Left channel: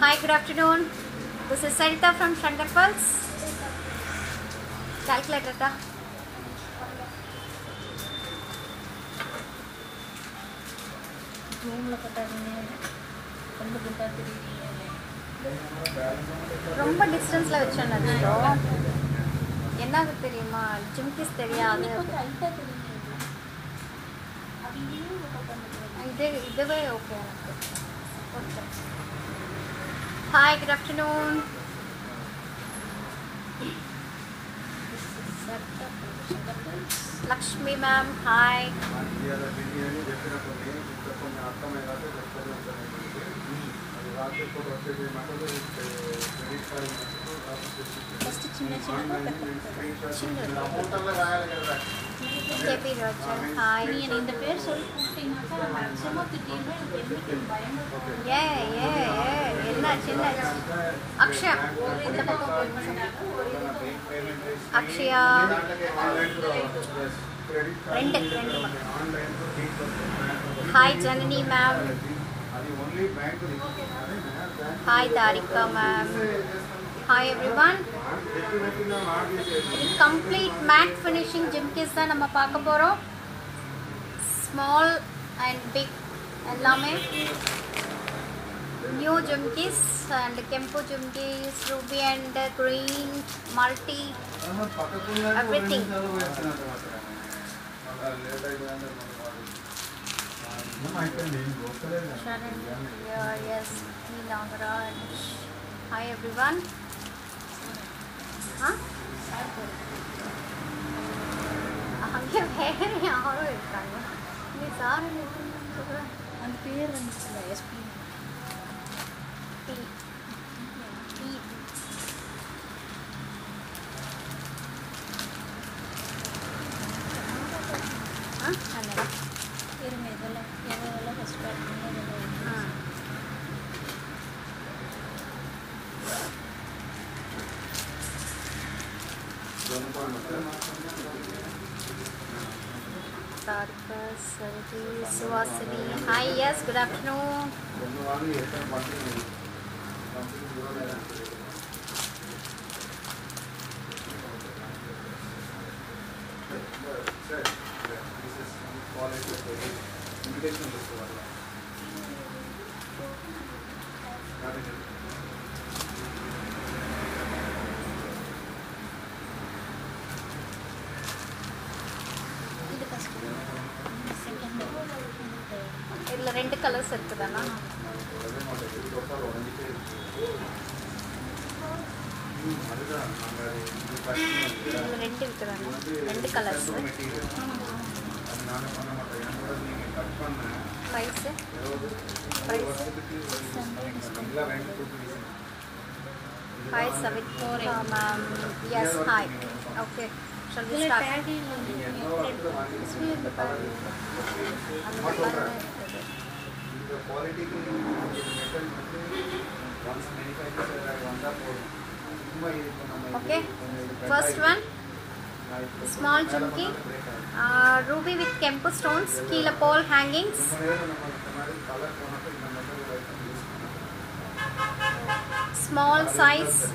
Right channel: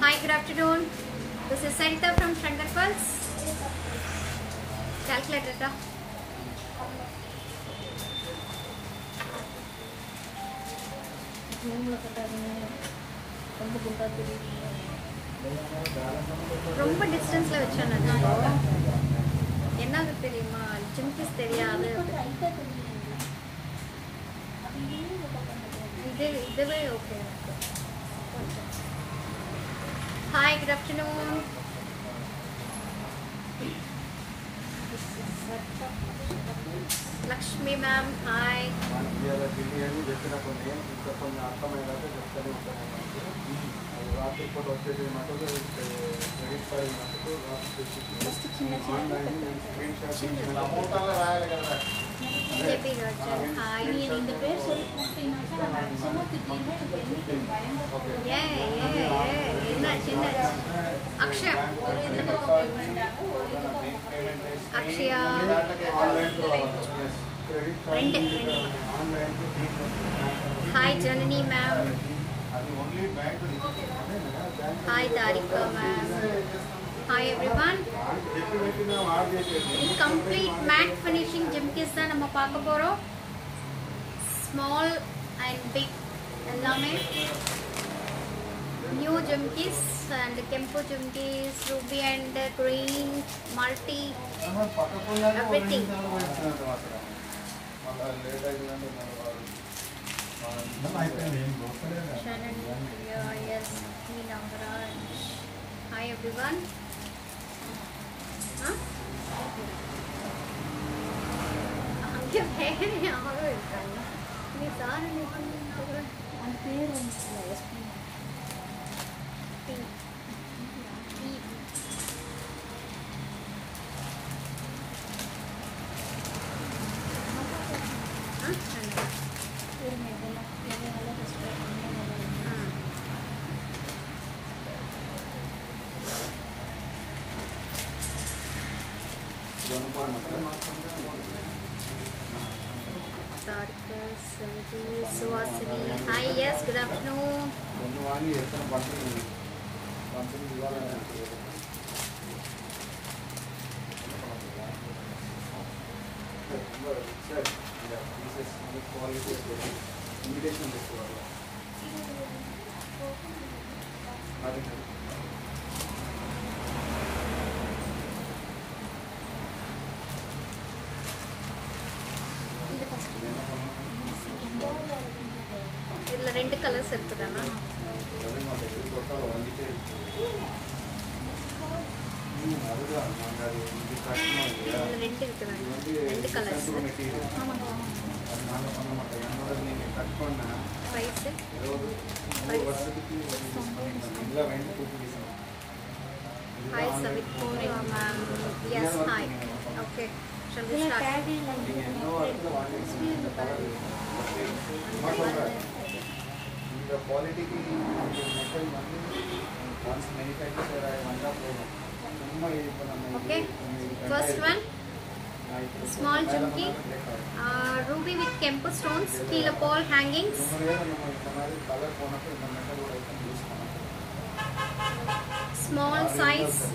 Hi, good afternoon. This is Sarita from Shankar Pulse. Calculator ta. ரொம்ப டிஸ்டன்ஸ்ல வெச்சேன்னா என்னது தெரியுமா ஜிம்கிஸ் தெரியாது இதுவே ஓகே எனக்கு Hi, good afternoon. Lakshmi ma'am, hi. JP Roger, hi. Akshay. Akshaya. Hi Janani ma'am. Hi Darika ma'am. Hi everyone. Complete matte finishing jimkis da nama paaka porom. Small and big ellame. New jimkis and Kempu jimkis, ruby and green, multi, everything. Shannon, yes, Nagaraj. Hi everyone. Huh? அங்கே வேற யாரும் இருக்காங்க நீ sir அந்த பேர் SP Suhasini. Hi, yes, good afternoon. இதுல ரெண்டு colours இருக்குதானா இதுல ரெண்டு இருக்குதானா ரெண்டு colours price Hi Savitri ma'am. Yes, hi. Okay. Shall we start? The quality की metal once manufactured Okay. First one, small jumki, ruby with Kempu stones, keela pole hangings. Small size.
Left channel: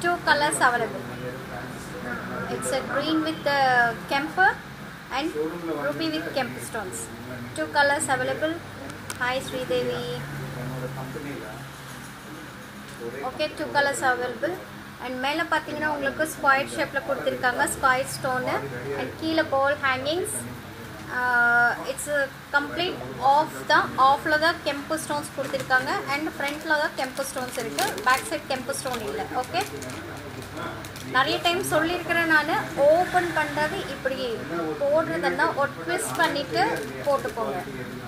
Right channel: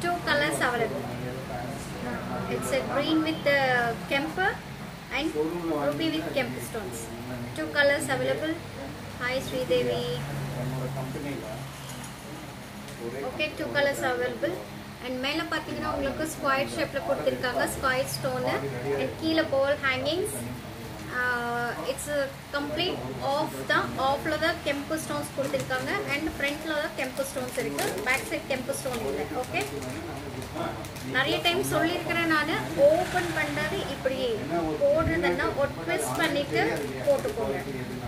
Two colors available. It's a green with Kempu and ruby with Kempu stones. Two colors available. Hi Sridevi. Okay, two colors available. And மேல பாத்தீங்கன்னா உங்களுக்கு square ஷேப்ல கொடுத்திருக்காங்க square stone and கீழ ball hangings. It's a complete offல தான் Kempu stones கொடுத்திருக்காங்க and frontல தான் Kempu stones இருக்கு back side Kempu stone இல்ல. ஓகே நிறைய டைம் சொல்லியிருக்கிறேன் நான் ஓபன் பண்றது இப்படி போடுறதுன்னா ஒரு ட்விஸ்ட் பண்ணிட்டு போட்டுக்கோங்க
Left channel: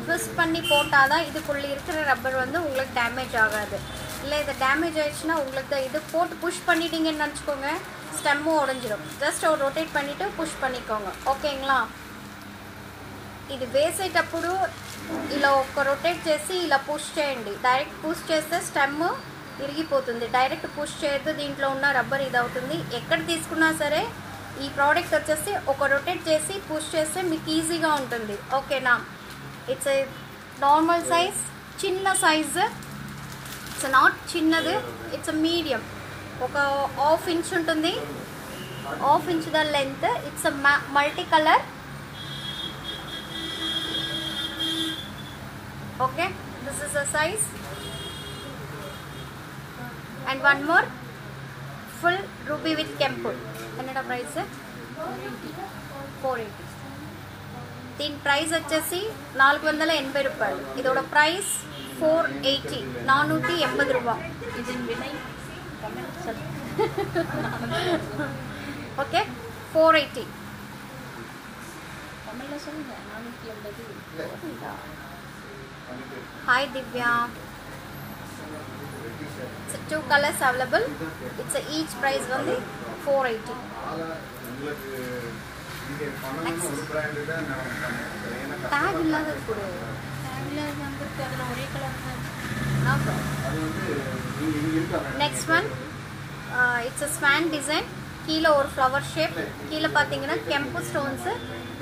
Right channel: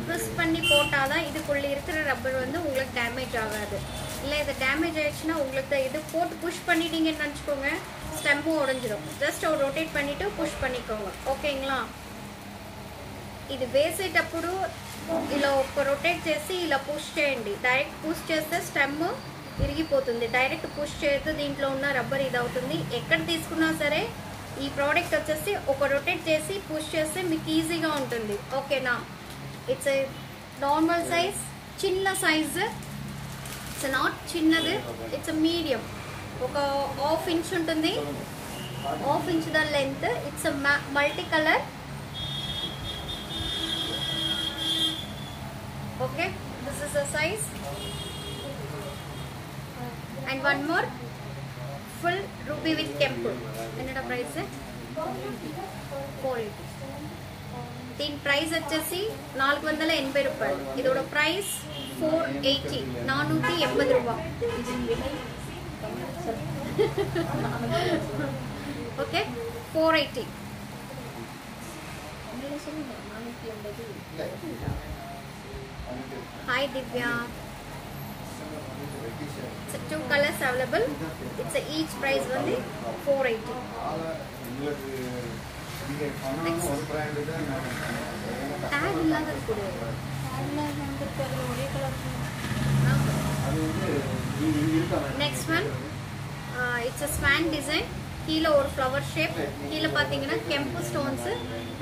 ட்விஸ்ட் பண்ணி போட்டாதான் இதுக்குள்ள இருக்கிற ரப்பர் வந்து உங்களுக்கு டேமேஜ் ஆகாது இல்ல இது டேமேஜ் ஆயிடுச்சுன்னா உங்களுக்கு இது போட்டு புஷ் பண்ணிட்டீங்கன்னு நினைச்சுக்கோங்க ஸ்டெம்மும் உடைஞ்சிடும் ஜஸ்ட் ஒரு ரொட்டேட் பண்ணிட்டு புஷ் பண்ணிக்கோங்க ஓகேங்களா ఇది వేసేటప్పుడు ఇలా ఒక రొటేట్ చేసి ఇలా పుష్ చేయండి డైరెక్ట్ పుష్ చేస్తే స్టెమ్ ఇరిగిపోతుంది. డైరెక్ట్ పుష్ చేయొద్దు, దీంట్లో ఉన్న రబ్బర్ ఇది అవుతుంది. ఎక్కడ తీసుకున్నా సరే ఈ ప్రోడక్ట్ వచ్చేసి ఒక రొటేట్ చేసి పుష్ చేస్తే మీకు ఈజీగా ఉంటుంది. ఓకేనా? ఇట్స్ ఏ నార్మల్ సైజ్, చిన్న సైజ్. ఇట్స్ నాట్ చిన్నది, ఇట్స్ మీడియం. ఒక హాఫ్ ఇంచ్ ఉంటుంది, half inch the length. It's multi colour. Okay, this is the size. And one more full ruby with కెంపు. என்னோட ప్రైస్ 480. దీని ప్రైస్ వచ్చేసి 480 రూపాయలు. இதோட ప్రైస్ 480, 480 ரூபாய். Okay, 480. Hi Divya. It's 2 colors available. It's each price only 480. Next. Tag illada kudu. Next one, it's a swan design. கீழே ஒரு flower shape. கீழே பார்த்தீங்கன்னா கெம்பு ஸ்டோன்ஸ்.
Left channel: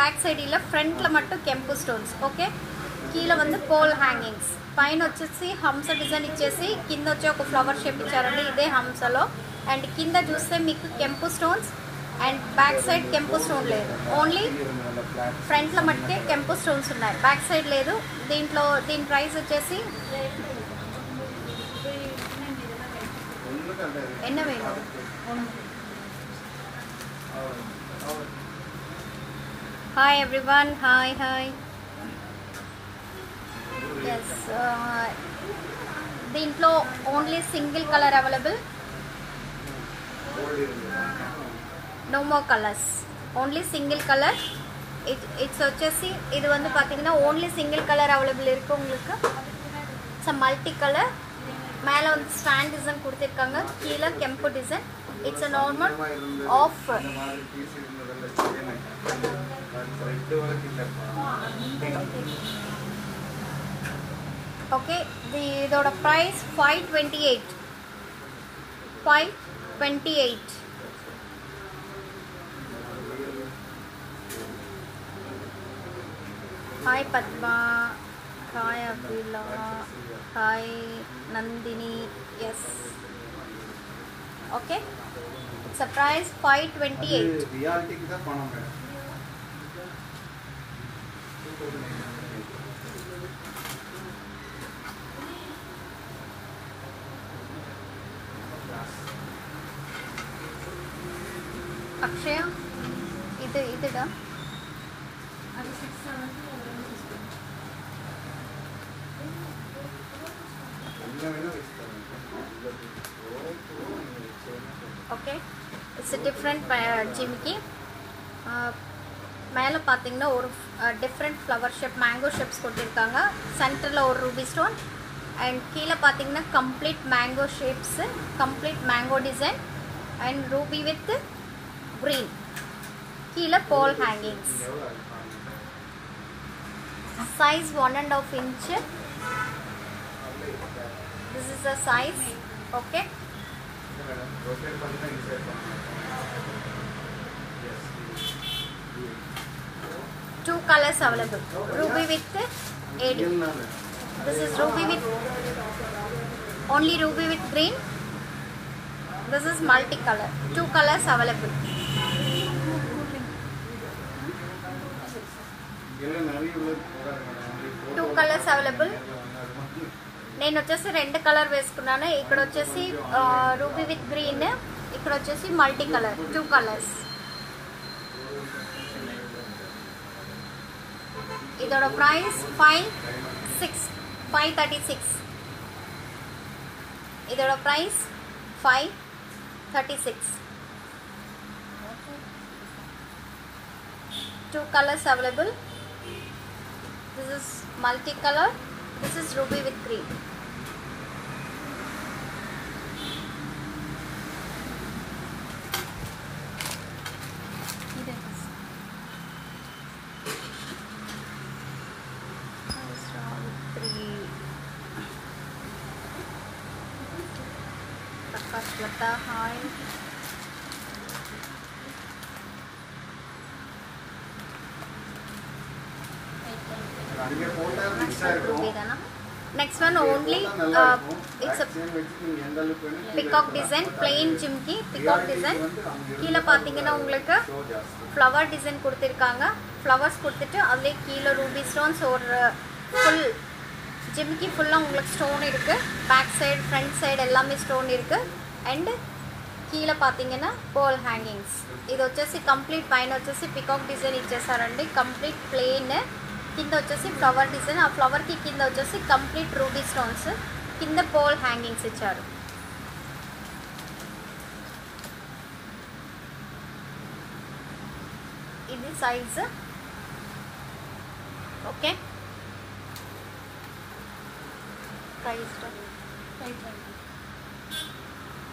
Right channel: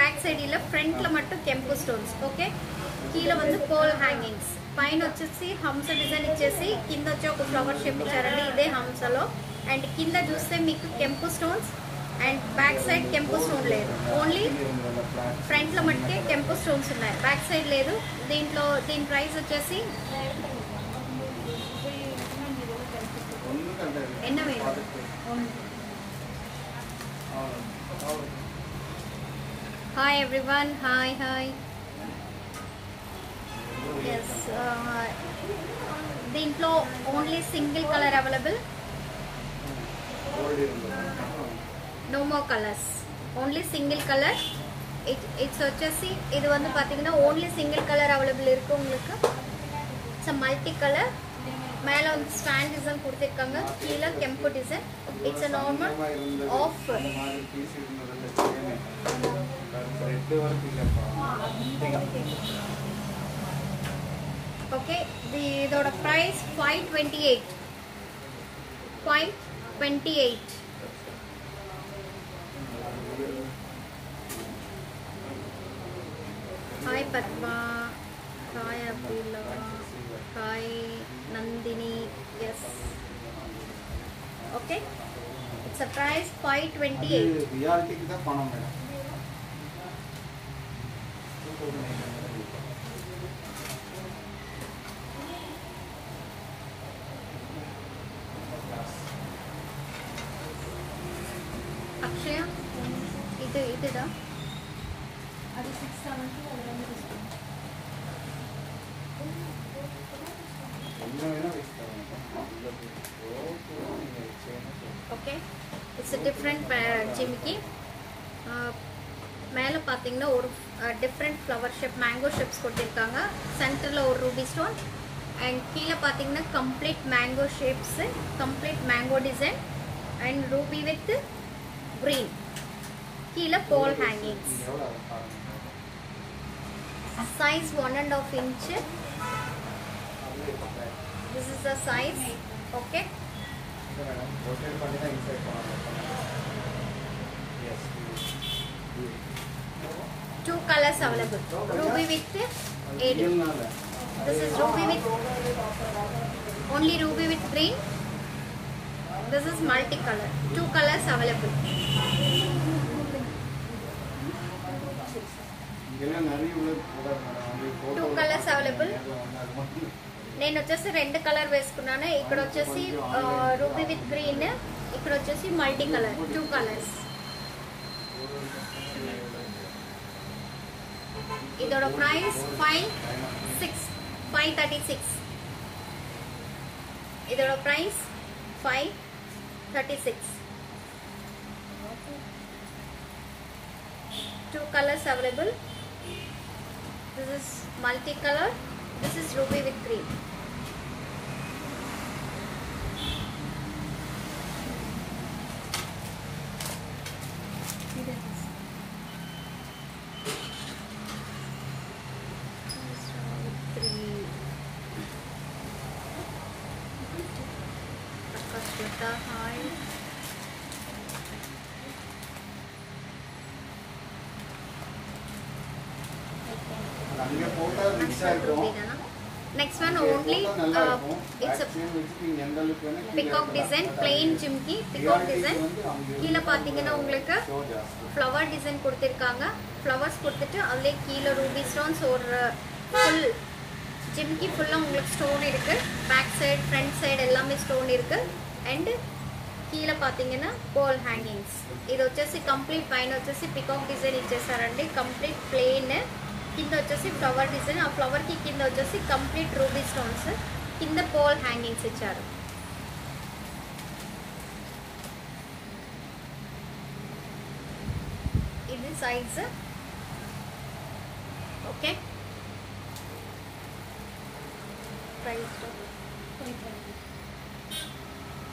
பேக் சைடில் ஃப்ரண்ட்ல மட்டும் கெம்பு స్టోన్స్. ఓకే, కీల வந்து పోల్ హ్యాంగింగ్స్. పైన వచ్చేసి హంస డిజైన్ ఇచ్చేసి కింద వచ్చి ఒక ఫ్లవర్ షేప్ ఇచ్చారండి. ఇదే హంసలో. అండ్ కింద చూస్తే మీకు కెంపు స్టోన్స్ అండ్ బ్యాక్ సైడ్ కెంపు స్టోన్ లేదు. ఓన్లీ ఫ్రంట్లో మట్టుకే కెంపు స్టోన్స్ ఉన్నాయి, బ్యాక్ సైడ్ లేదు. దీని ప్రైస్ వచ్చేసి ఎన్న వేలు. Hi everyone. Hi hi. Yes, దీంట్లో only single colour available. No more colours, only single colour. It's వచ్చేసి இது வந்து பாத்தீங்கன்னா ஓன்லி சிங்கிள் கலர் அவைலபிள் இருக்கு உங்களுக்கு. It's multi colour. மேல வந்து ஸ்டாண்ட் டிசைன் கொடுத்திருக்காங்க, கீழே கெம்பு design. It's normal off. Okay, இதோட price 528. 528. Hi Padma, hi Abhila, hi Nandini. Yes. Okay. It's a price 528. Reality ki da panam hai. Akshaya, இதுடா. அது 670. Okay, it's a different ஜிமிக்கி. மேலே பார்த்தீங்கன்னா ஒரு different flower shape, mango shapes கொடுத்துருக்காங்க. சென்டரில் ஒரு Ruby stone. And கீழே பார்த்தீங்கன்னா complete mango shapes, complete mango design and Ruby with green. கீழே pole hangings. Size 1.5 inch. This is the size. Okay. Two colors available. Ruby with AD. This is ruby with only ruby with green. This is multicolor. Two colors available. Two colors available. నేను వచ్చేసి 2 colour వేసుకున్నాను. ఇక్కడ వచ్చేసి ruby with green, ఇక్కడ వచ్చేసి multi colour. 2 colours. இதோட price 536. இதோட price 536. 2 colors available. This is multicolor. This is ruby with green. Shweta, hi. அங்கே போட்டா ரிச்சா இருக்கும். Next one only it's a peacock design, plain jimki peacock design. கீழ பாத்தீங்கன்னா உங்களுக்கு flower design கொடுத்திருக்காங்க. flowers கொடுத்துட்டு அதுல கீழ ruby stones ஒரு full jimki full-ஆ உங்களுக்கு ஸ்டோன் இருக்கு. back side front side எல்லாமே ஸ்டோன் இருக்கு. and கீழ பாத்தீங்கன்னா ball hangings. இது వచ్చేసి కంప్లీట్ పైన వచ్చేసి peacock design ఇచ్చేసారండి. కంప్లీట్ plain కింద వచ్చేసి ఫ్లవర్ డిజైన్ ఆ ఫ్లవర్ కి కింద వచ్చేసి కంప్లీట్ రూబీ స్టోన్స్ కింద పోల్ హ్యాంగింగ్స్ ఇచ్చారు ఇది సైజ్ ఓకే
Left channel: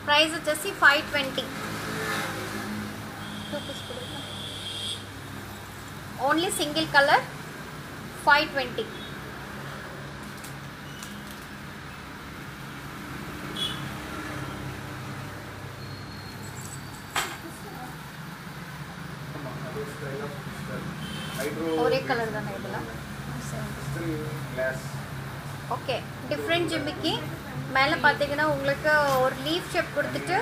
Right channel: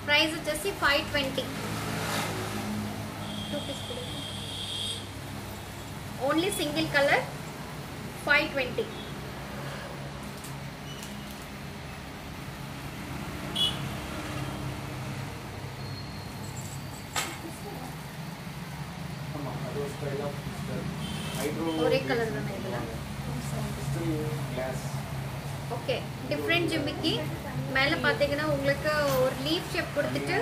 ప్రైస్ వచ్చేసి 520 ఓన్లీ సింగిల్ కలర్ 520 ஒரே கலர் தானே இதெல்லாம் ஓகே டிஃபரண்ட் ஜிமிக்கி மேல பாத்தீங்கன்னா உங்களுக்கு ஒரு லீஃப் ஷேப் கொடுத்துட்டு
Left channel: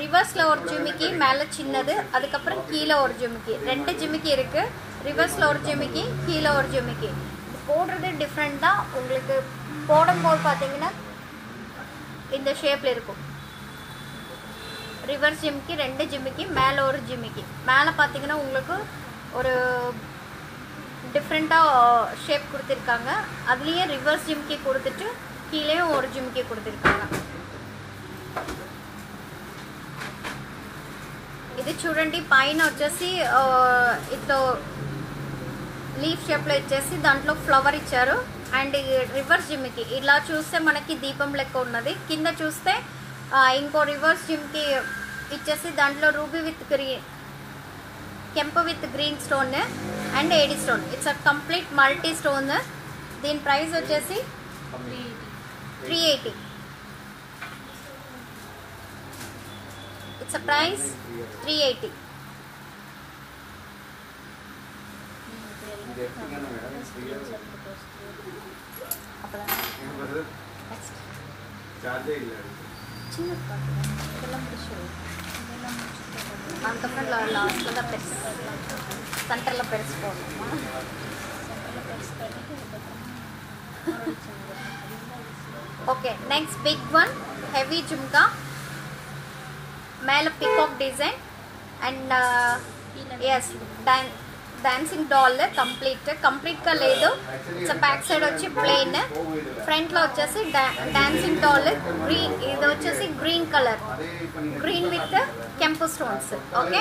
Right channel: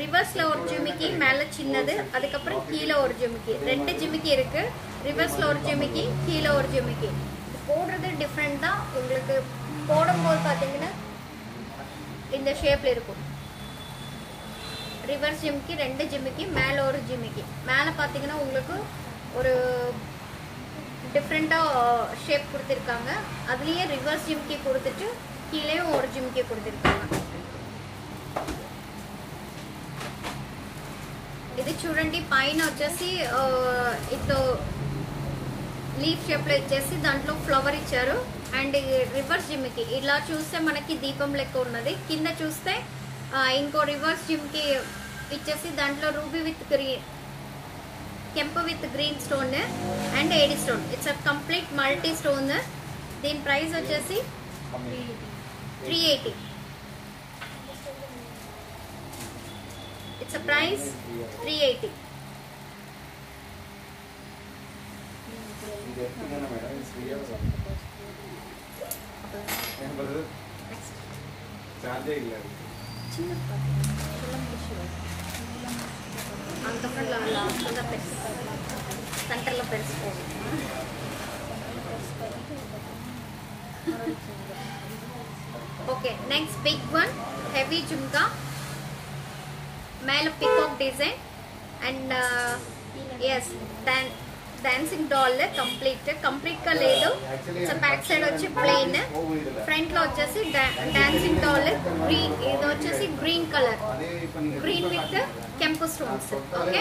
ரிவர்ஸ்ல ஒரு ஜிமிக்கி மேல சின்னது அதுக்கு அப்புறம் கீழ ஒரு ஜிமிக்கி ரெண்டு ஜிமிக்கி இருக்கு ரிவர்ஸ்ல ஒரு ஜிமிக்கி கீழ ஒரு ஜிமிக்கி இது போடுறது டிஃபரண்ட் தான் உங்களுக்கு போடும்போது பாத்தீங்கன்னா இந்த ஷேப்ல இருக்கும் ரிவர்ஸ் ஜிமிக்கி ரெண்டு ஜிமிக்கி மேல ஒரு ஜிமிக்கி மேல பாத்தீங்கன்னா உங்களுக்கு ஒரு டிஃபரண்டா ஷேப் கொடுத்திருக்காங்க அதுலயே ரிவர்ஸ் ஜிமிக்கி கொடுத்துட்டு கீழேயும் ஒரு ஜிமிக்கி கொடுத்திருக்காங்க ఇది చూడండి పైన వచ్చేసి ఇట్లా లీఫ్ షేప్ లో ఇచ్చేసి దాంట్లో ఫ్లవర్ ఇచ్చారు అండ్ రివర్స్ జిమ్కి ఇలా చూస్తే మనకి దీపం లెక్క ఉన్నది కింద చూస్తే ఇంకో రివర్స్ జిమ్కి ఇచ్చేసి దాంట్లో రూబీ విత్ గ్రీన్ కెంపు with green stone and AD stone it's a complete multi stone దీని ప్రైస్ వచ్చేసి 380 it's a price 380 okay next big one heavy jhumka மேல peacock design and yes dancing doll complete గా లేదు so back side వచ్చి plain front లో వచ్చేసి dancing doll green ఇది వచ్చేసి గ్రీన్ కలర్ గ్రీన్ విత్ కెంపు stones okay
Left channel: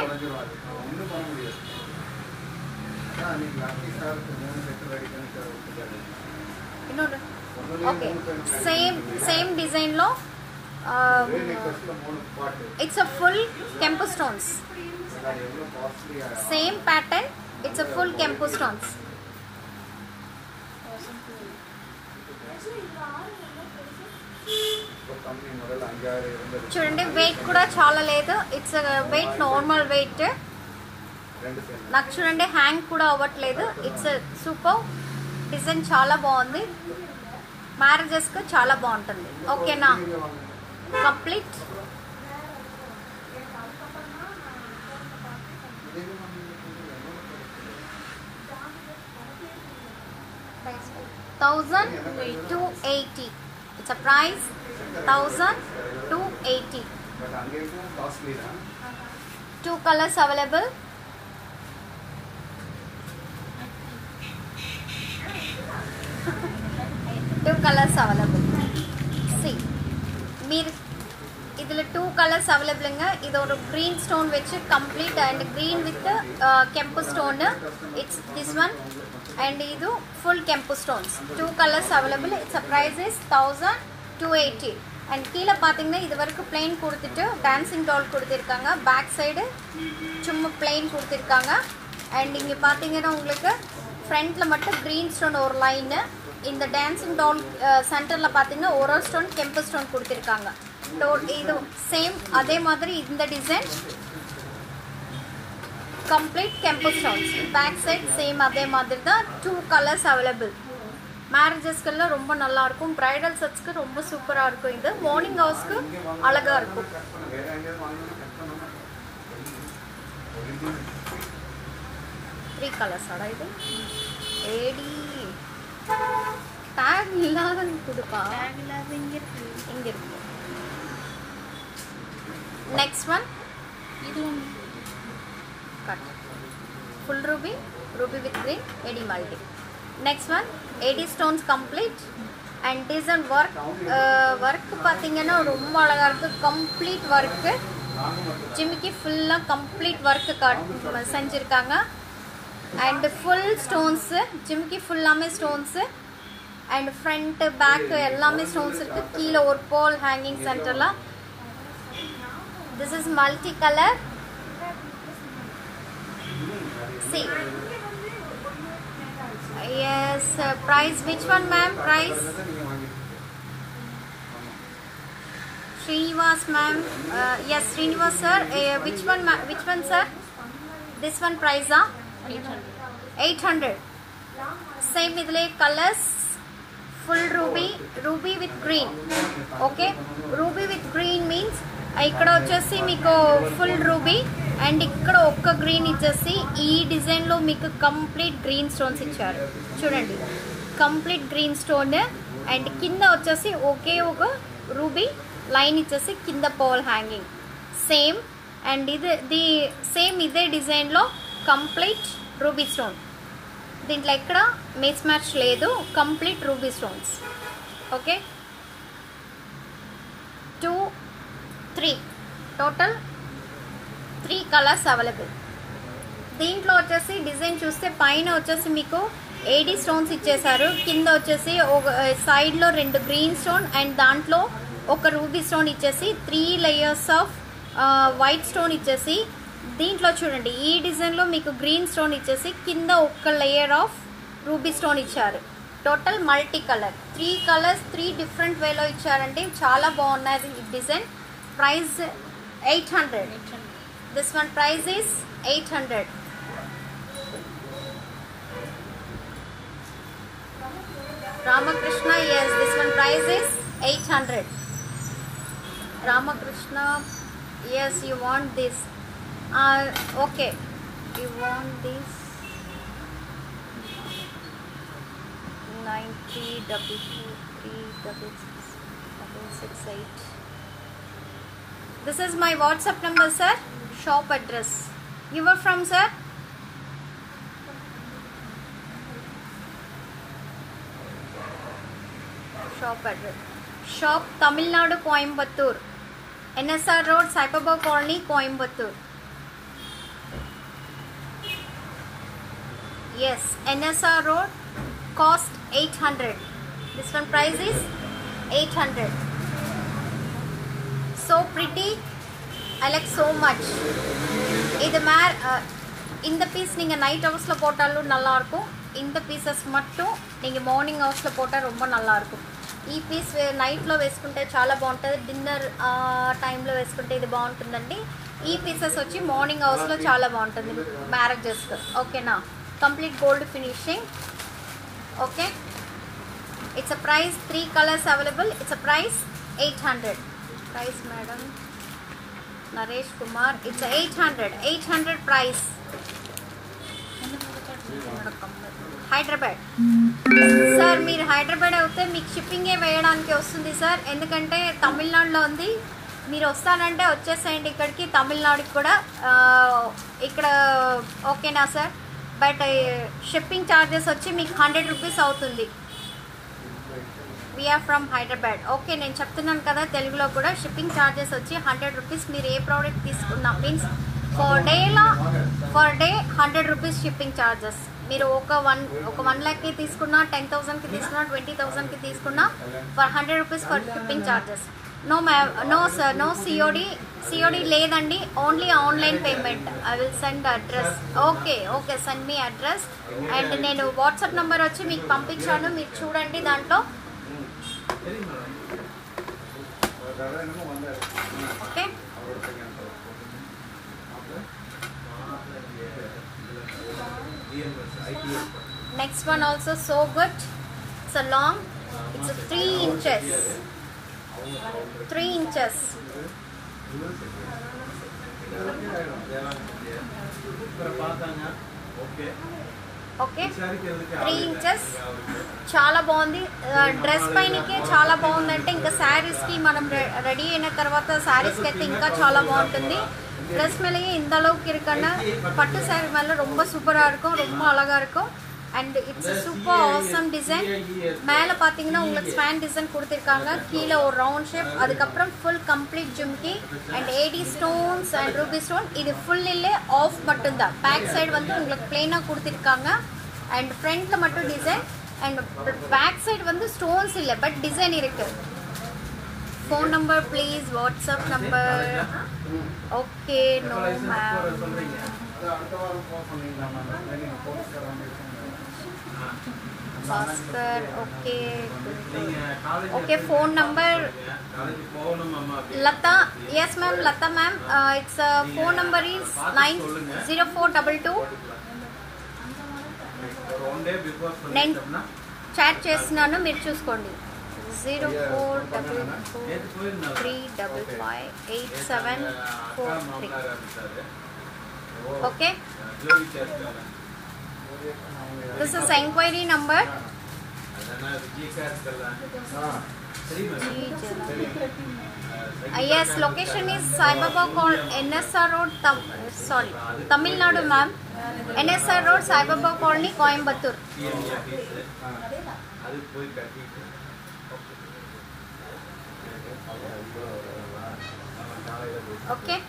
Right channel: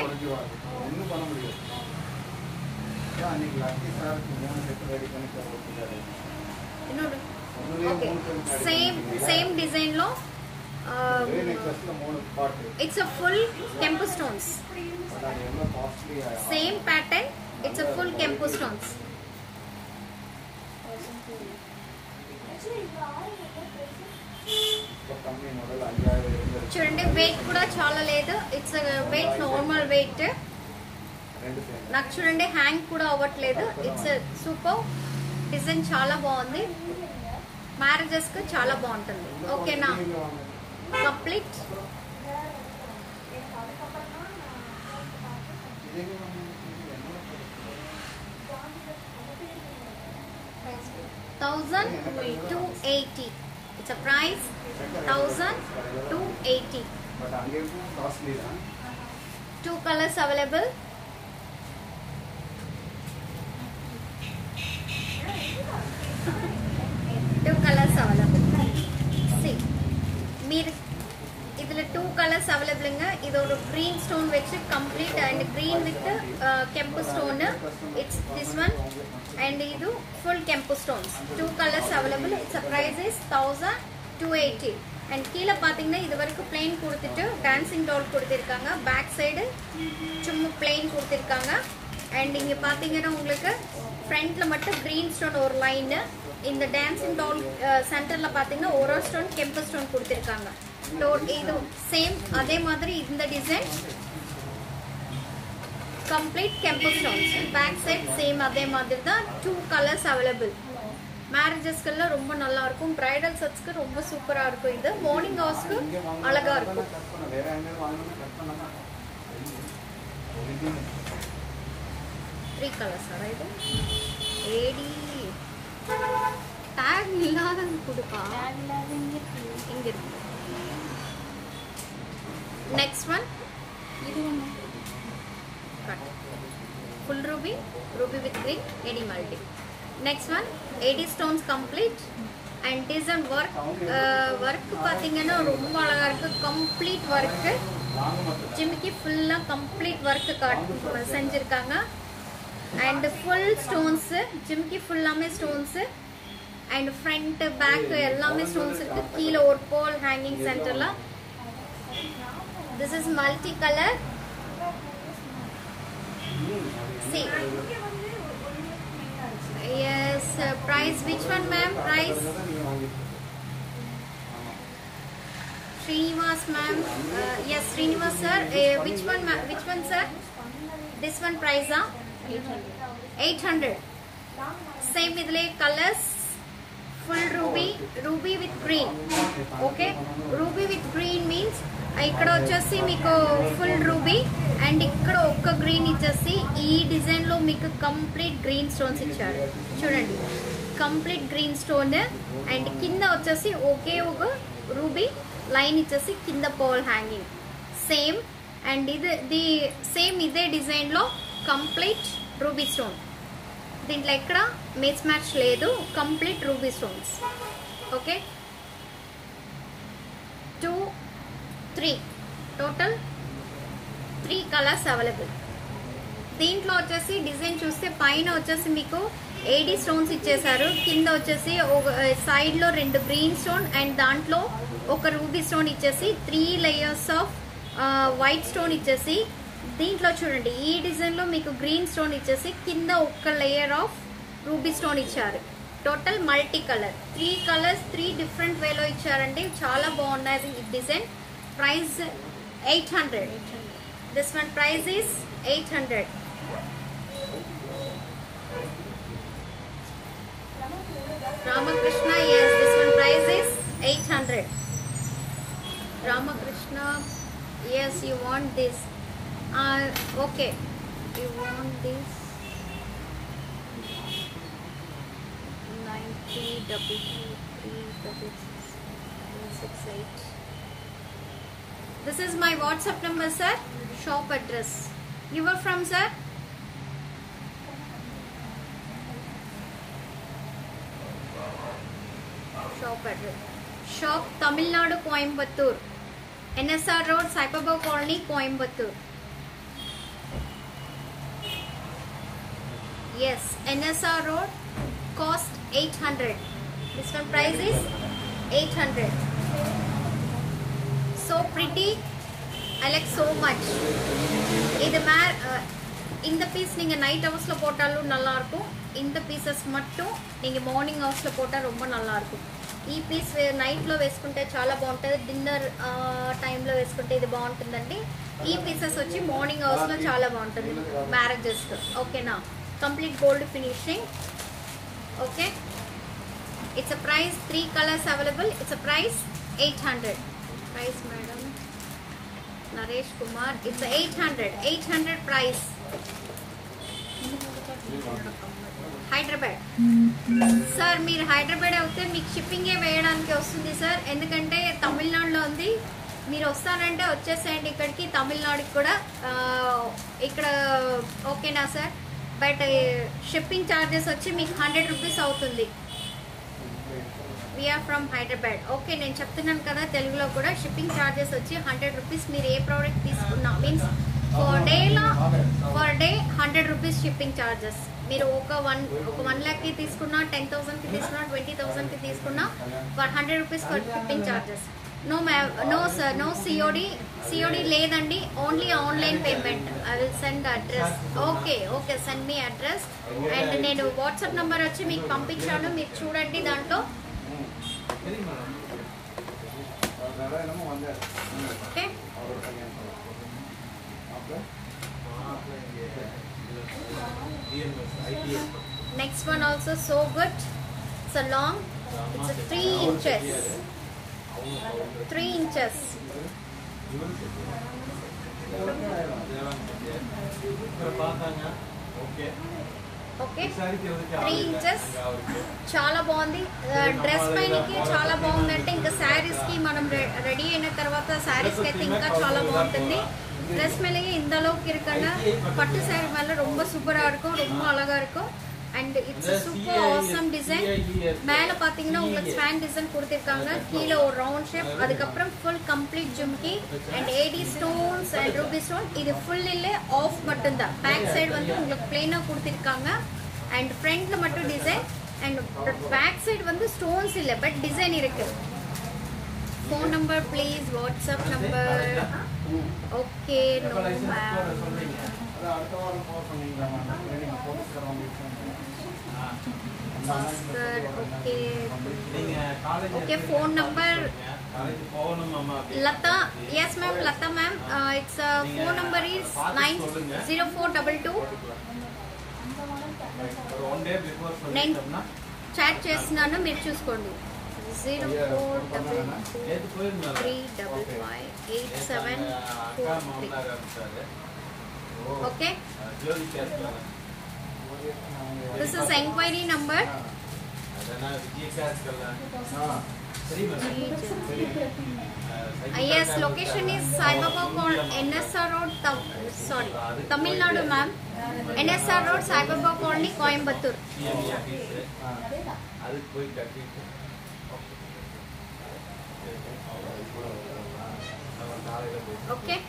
okay same design లో it's a full kempu stones same pattern it's a full kempu stones చూడండి వెయిట్ కూడా చాలా లేదు ఇట్స్ వెయిట్ నార్మల్ వెయిట్ నాకు చూడండి హ్యాంగ్ కూడా అవ్వట్లేదు ఇట్స్ సూపర్ డిజైన్ చాలా బాగుంది మ్యారేజెస్ కు చాలా బాగుంటుంది ఓకేనా complete $1,280 it's a price 1,280 two colors available two colors available see మీరు இதுல two colors available இது ஒரு green stone வெச்சு complete and green with kempu stone it's this one and இது full kempu stones two colors available its price is 1,280 and கீழ பாத்தீங்கன்னா இது வரைக்கும் plain கொடுத்துட்டு dancing doll கொடுத்திருக்காங்க back side சும்மா plain கொடுத்திருக்காங்க and இங்க பாத்தீங்கன்னா உங்களுக்கு ஃப்ரண்ட்ல மட்டும் green stone ஒரு லைன் இந்த dancing doll சென்டர்ல பாத்தீங்கன்னா ஒரு ஸ்டோன் கெம்பு ஸ்டோன் கொடுத்திருக்காங்க ಇದು ಸೇಮ್ ಅದೇ ಮಾದರಿ இந்த டிசைன் ಕಂಪ್ಲೀಟ್ ಕೆಂಪು ಸ್ಟೋನ್ಸ್ பேக் சைடு சேம் அதே மாதிரி தான் 2 கலர்ஸ் அவைலபிள் மேரேஜஸ்க்குள்ள ரொம்ப நல்லா இருக்கும் பிரைடல் செட்ஸ்க்கு ரொம்ப சூப்பரா இருக்கும் இது மார்னிங் ஹவர்ஸ்க்கு அழகா இருக்கும் 3 கலர்ஸ் ஆடா இது ரெடி டாக் இல்லாத குடுப்பா டாக் இல்லாத இங்க இருக்கு நெக்ஸ்ட் ஒன் இது cut full ruby with green AD multi. Next one AD stones complete and design work பாத்தீங்கன்னா ரொம்ப அழகா இருக்கு complete work ஜிமிக்கி ஃபுல்லா complete work செஞ்சிருக்காங்க and full stones ஜிமிக்கி ஃபுல்லாமே stones and front back எல்லாமே stones இருக்கு கீழ ஒரு pole hanging centerல. This is multi color. See, yes, price which one ma'am? Price Srinivas ma'am, yes Srinivas sir, which one sir? This one price 800. Same idle colors, full ruby with green. Okay, ruby with green means ఇక్కడ వచ్చేసి మీకు full ruby and ఇక్కడ ఒక్క green ఇచ్చేసి ఈ design లో మీకు complete green stones ఇచ్చారు చూడండి కంప్లీట్ గ్రీన్ స్టోన్ అండ్ కింద వచ్చేసి ఒకే ఒక రూబీ లైన్ ఇచ్చేసి కింద పోల్ హ్యాంగింగ్ సేమ్ అండ్ ఇది సేమ్ ఇదే డిజైన్ లో కంప్లీట్ రూబీ స్టోన్ దీంట్లో ఎక్కడ మిస్ మ్యాచ్ లేదు complete ruby stones okay 2 3 total 3 colours available దీంట్లో వచ్చేసి డిజైన్ చూస్తే పైన వచ్చేసి మీకు ఏడీ స్టోన్స్ ఇచ్చేసారు కింద వచ్చేసి సైడ్ లో 2 గ్రీన్ స్టోన్ అండ్ దాంట్లో ఒక రూబీ స్టోన్ ఇచ్చేసి 3 లేయర్స్ ఆఫ్ వైట్ స్టోన్ ఇచ్చేసి దీంట్లో చూడండి ఈ డిజైన్ లో మీకు గ్రీన్ స్టోన్ ఇచ్చేసి కింద ఒక లేయర్ ఆఫ్ రూబీ స్టోన్ ఇచ్చారు total multi colour 3 colours 3 different వేలో ఇచ్చారండి చాలా బాగున్నది ఈ design price 800. This one price is 800. Ramakrishna, yes, this one price is 800. Ramakrishna, yes, you want this. Okay, you want this 90223668. This is my WhatsApp number, sir. Shop address. You are from, sir? Shop address. Shop Tamil Nadu, Coimbatore. NSR Road, Saipaba Colony, Coimbatore. Yes, NSR Road. Cost 800. This one price is 800. So pretty, I like so much. இந்த piece நீங்க night ஹவர்ஸ்ல போட்டாலும் நல்லா இருக்கும் இந்த pieces மட்டும் நீங்க morning hours లో పోటా ரொம்ப நல்லா இருக்கும் ఈ పీస్ నైట్ లో వేసుకుంటే చాలా బాగుంటది డిన్నర్ టైం లో వేసుకుంటే ఇది బాగుంటుందండి ఈ పీసెస్ వచ్చి మార్నింగ్ హవర్స్ లో చాలా బాగుంటుంది మ్యారేజెస్ కి ఓకేనా complete gold finishing okay it's a price 3 colors available it's a price 800 price madam Naresh Kumar it's a 800 price Hyderabad sir మీరు హైదరాబాద్ అయితే మీకు షిప్పింగ్ వేయడానికి వస్తుంది సార్ ఎందుకంటే తమిళనాడులో ఉంది మీరు వస్తానంటే వచ్చేసేయండి ఇక్కడికి తమిళనాడుకి కూడా ఇక్కడ ఓకేనా సార్ బట్ షిప్పింగ్ ఛార్జెస్ వచ్చి మీకు 100 రూపీస్ అవుతుంది వీఆర్ ఫ్రమ్ హైదరాబాద్ ఓకే నేను చెప్తున్నాను కదా తెలుగులో కూడా షిప్పింగ్ ఛార్జెస్ వచ్చి 100 రూపీస్ మీరు ఏ ప్రోడక్ట్ తీసుకున్నా means per day 100 rupees shipping charges మీరు ఒక 1 లాక్కి తీసుకున్నా 10,000కి తీసుకున్నా 20,000కి తీసుకున్నా for 100 rupees for shipping charges no sir no COD లేదండి only online payment I will send address okay send me address and నేను వాట్సాప్ నంబర్ వచ్చి మీకు పంపించాను మీరు చూడండి దాంట్లో Okay. Next one also so good. It's a long. It's a 3 inches. 3 inches. Okay. 3 inches. చాలా బాగుంది. డ్రెస్ పైనకే చాలా బాగుందంటే ఇంకా శారీస్ కి మనం రెడీ అయిన తర్వాత శారీస్ కి అయితే ఇంకా చాలా బాగుంటుంది. ட்ரெஸ் மேலேயே இந்த அளவுக்கு இருக்குன்னா பட்டு saree மேல ரொம்ப சூப்பரா இருக்கும், ரொம்ப அழகா இருக்கும். and it's a super awesome design. மேல பாத்தீங்கன்னா உங்களுக்கு ஸ்வான் டிசைன் கொடுத்திருக்காங்க, கீழ ஒரு ரவுண்ட் ஷேப், அதுக்கு அப்புறம் full complete jumki and AD stones and ruby stone. இது full இல்ல ஆஃப் மட்டும் தான். பேக் சைடு வந்து உங்களுக்கு plain-ஆ கொடுத்திருக்காங்க and ஃப்ரண்ட்ல மட்டும் டிசைன் and பேக் சைடு வந்து ஸ்டோன்ஸ் இல்ல பட் டிசைன் இருக்கு. phone number please, WhatsApp number. Okay, no ma'am. Bhaskar, okay. Okay, phone number. Lata, yes ma'am, Lata ma'am. Its phone number is 90422. నేను chat చేస్తున్నాను, మీరు చూసుకోండి. 0422355873. Okay. This is enquiry number. Yes, location is Sai Baba NSR Road, Tamil Nadu ma'am. NSR Road, Sai Baba Colony, Coimbatore. Okay.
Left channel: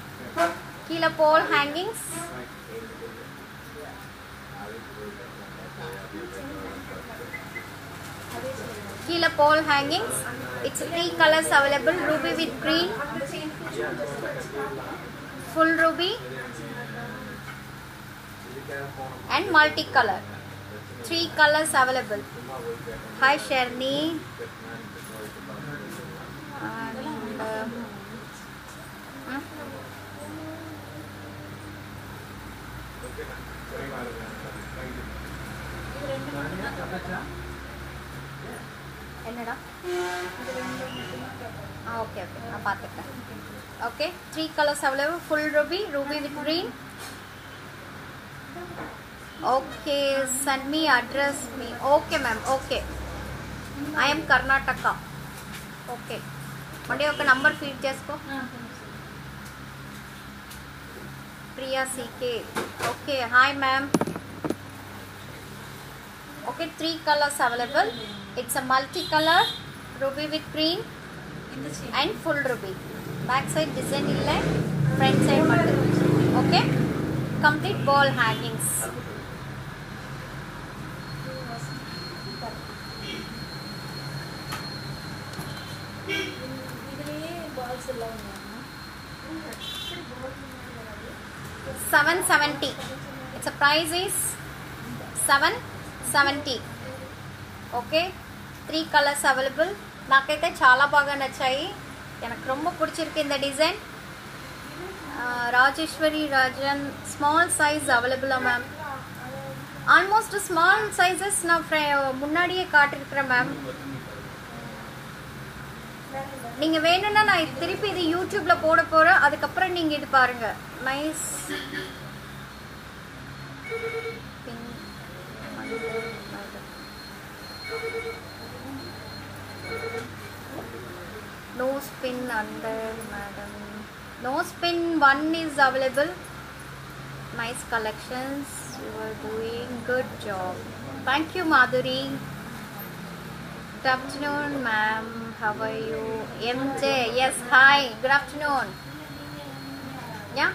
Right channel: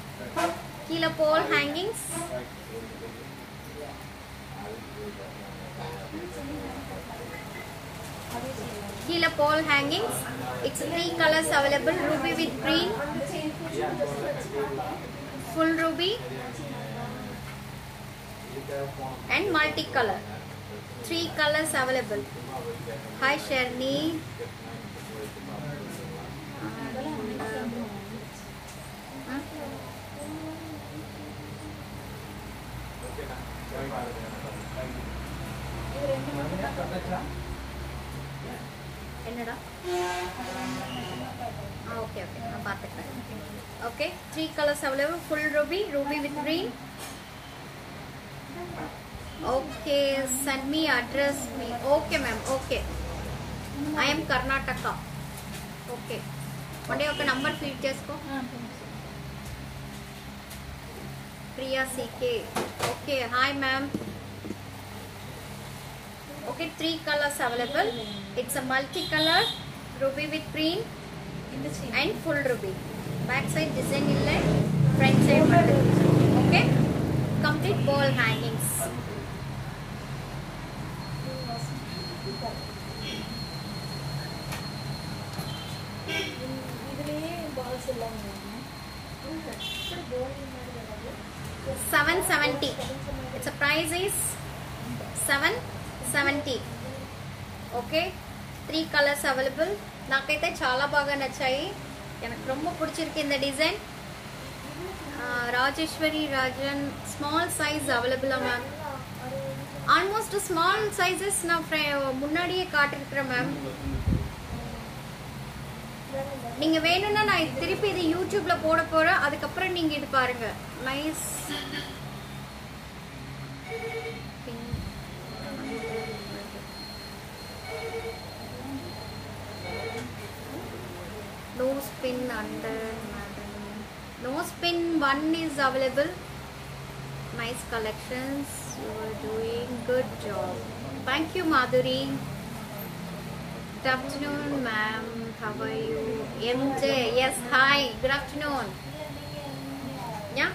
Kila pole hangings. Kila pole hangings. It's 3 colors available: ruby with green, full ruby, and multicolor. 3 colors available. Hi Sharni. என்னடா okay okay நான் பார்த்துட்டேன். Okay 3 colors available: full ruby, ruby with green. Okay, send me address me. Okay ma'am, okay. I am Karnataka. Okay, one day ఒక number feed చేసుకో. Priya CK. Okay, hi ma'am. Okay, 3 colors available. It's a multi-color, ruby with green and full ruby. Back side design illa, front side mattu. Okay, complete ball hangings. $770. Its price is $770. Okay 3 colours available. నాకైతే చాలా బాగా నచ్చాయి, నాకు ரொம்ப பிடிச்சிருக்கு இந்த design. Rajeshwari Rajan, small size அவைலபிளா ma'am? Almost small sizes நான் முன்னாடியே காட்டிருக்கிறேன் மேம். நீங்க வேணும்னா நான் திருப்பி இது யூடியூப்ல போட போறேன், அதுக்கப்புறம் நீங்க இது பாருங்க. Nice no spin under madam. No spin, one is available. Nice collections, you are doing good job. Thank you Madhuri. Good afternoon ma'am, how are you? MJ, yes, hi, good afternoon. Yeah,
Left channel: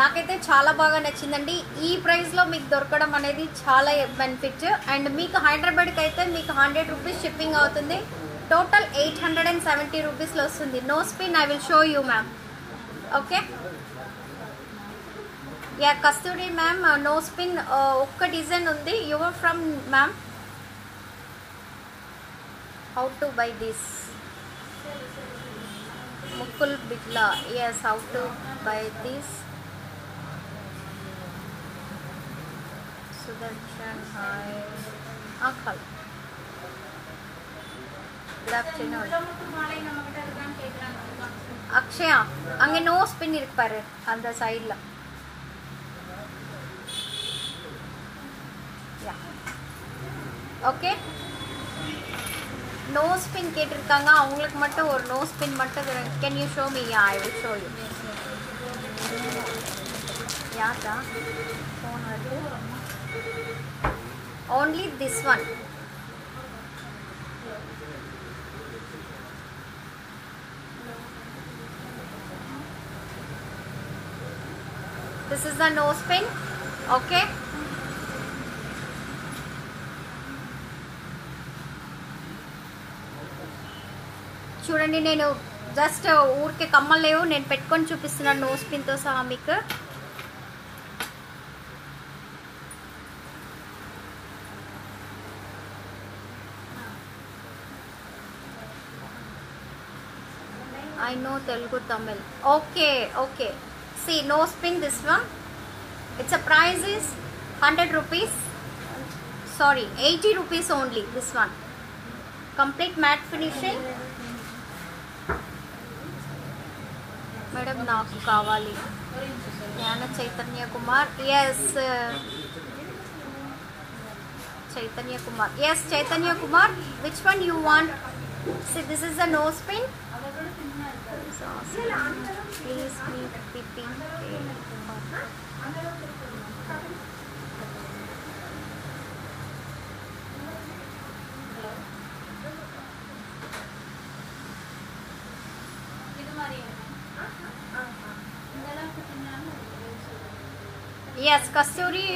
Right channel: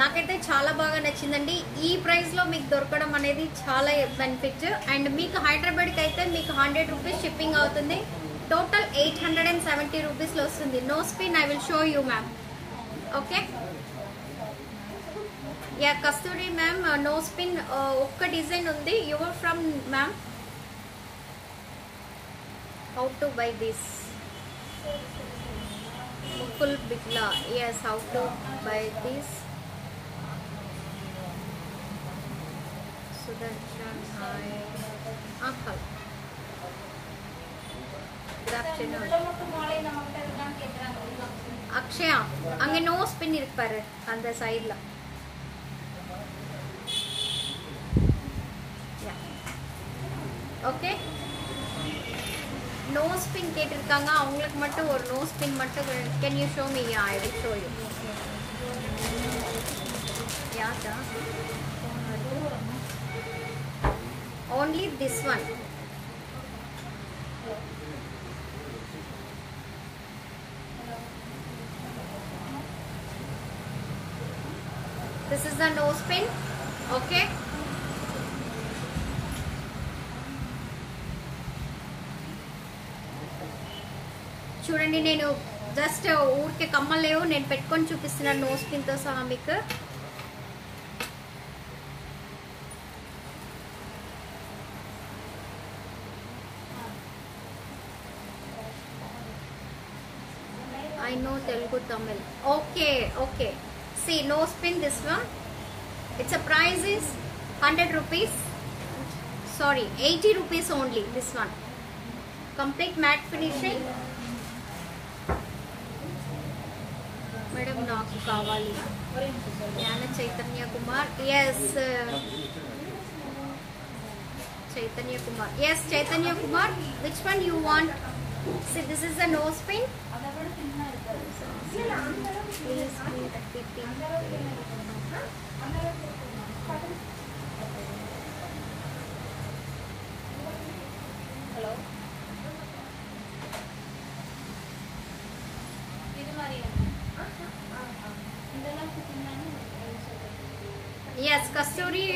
నాకైతే చాలా బాగా నచ్చిందండి. ఈ price లో మీకు దొరకడం అనేది చాలా బెనిఫిట్. అండ్ మీకు హైదరాబాద్ కి అయితే మీకు 100 రూపీస్ షిప్పింగ్ అవుతుంది. టోటల్ 870 రూపీస్ లో వస్తుంది. No spin, I will show you ma'am. Okay, ya Kasturi ma'am, no spin ఒక్క డిజైన్ ఉంది. Your from ma'am? How to buy this? Mukul Bitla. Yes, how to buy this? Sudarshan, hi. Uncle. Good afternoon. Akshaya, அங்கே no spin இருக்கு பாரு அந்த சைடுல. Okay, no spin கேட்டிருக்காங்க, அவங்களுக்கு மட்டும் ஒரு நோ ஸ்பின் மட்டும். Can you show me? Yeah, I will show you. யாதா ஃபோன் வருது? only this one. This is the nose pin. Okay. చూడండి, నేను జస్ట్ ఊరికే కమ్మలేవు, నేను పెట్టుకొని చూపిస్తున్నాను నోస్ పిన్ తో సహా మీకు. I know Telugu Tamil. Okay, okay. See, nose pin, this one. Its a price is 100 rupees. Sorry, 80 rupees only. This one. Complete matte finishing. Madam, naaku kavali. Yana Chaitanya Kumar. Yes. Chaitanya Kumar. Yes, Chaitanya Kumar. Which one you want? See, this is the nose pin. Please meet PP. Yes, Kasturi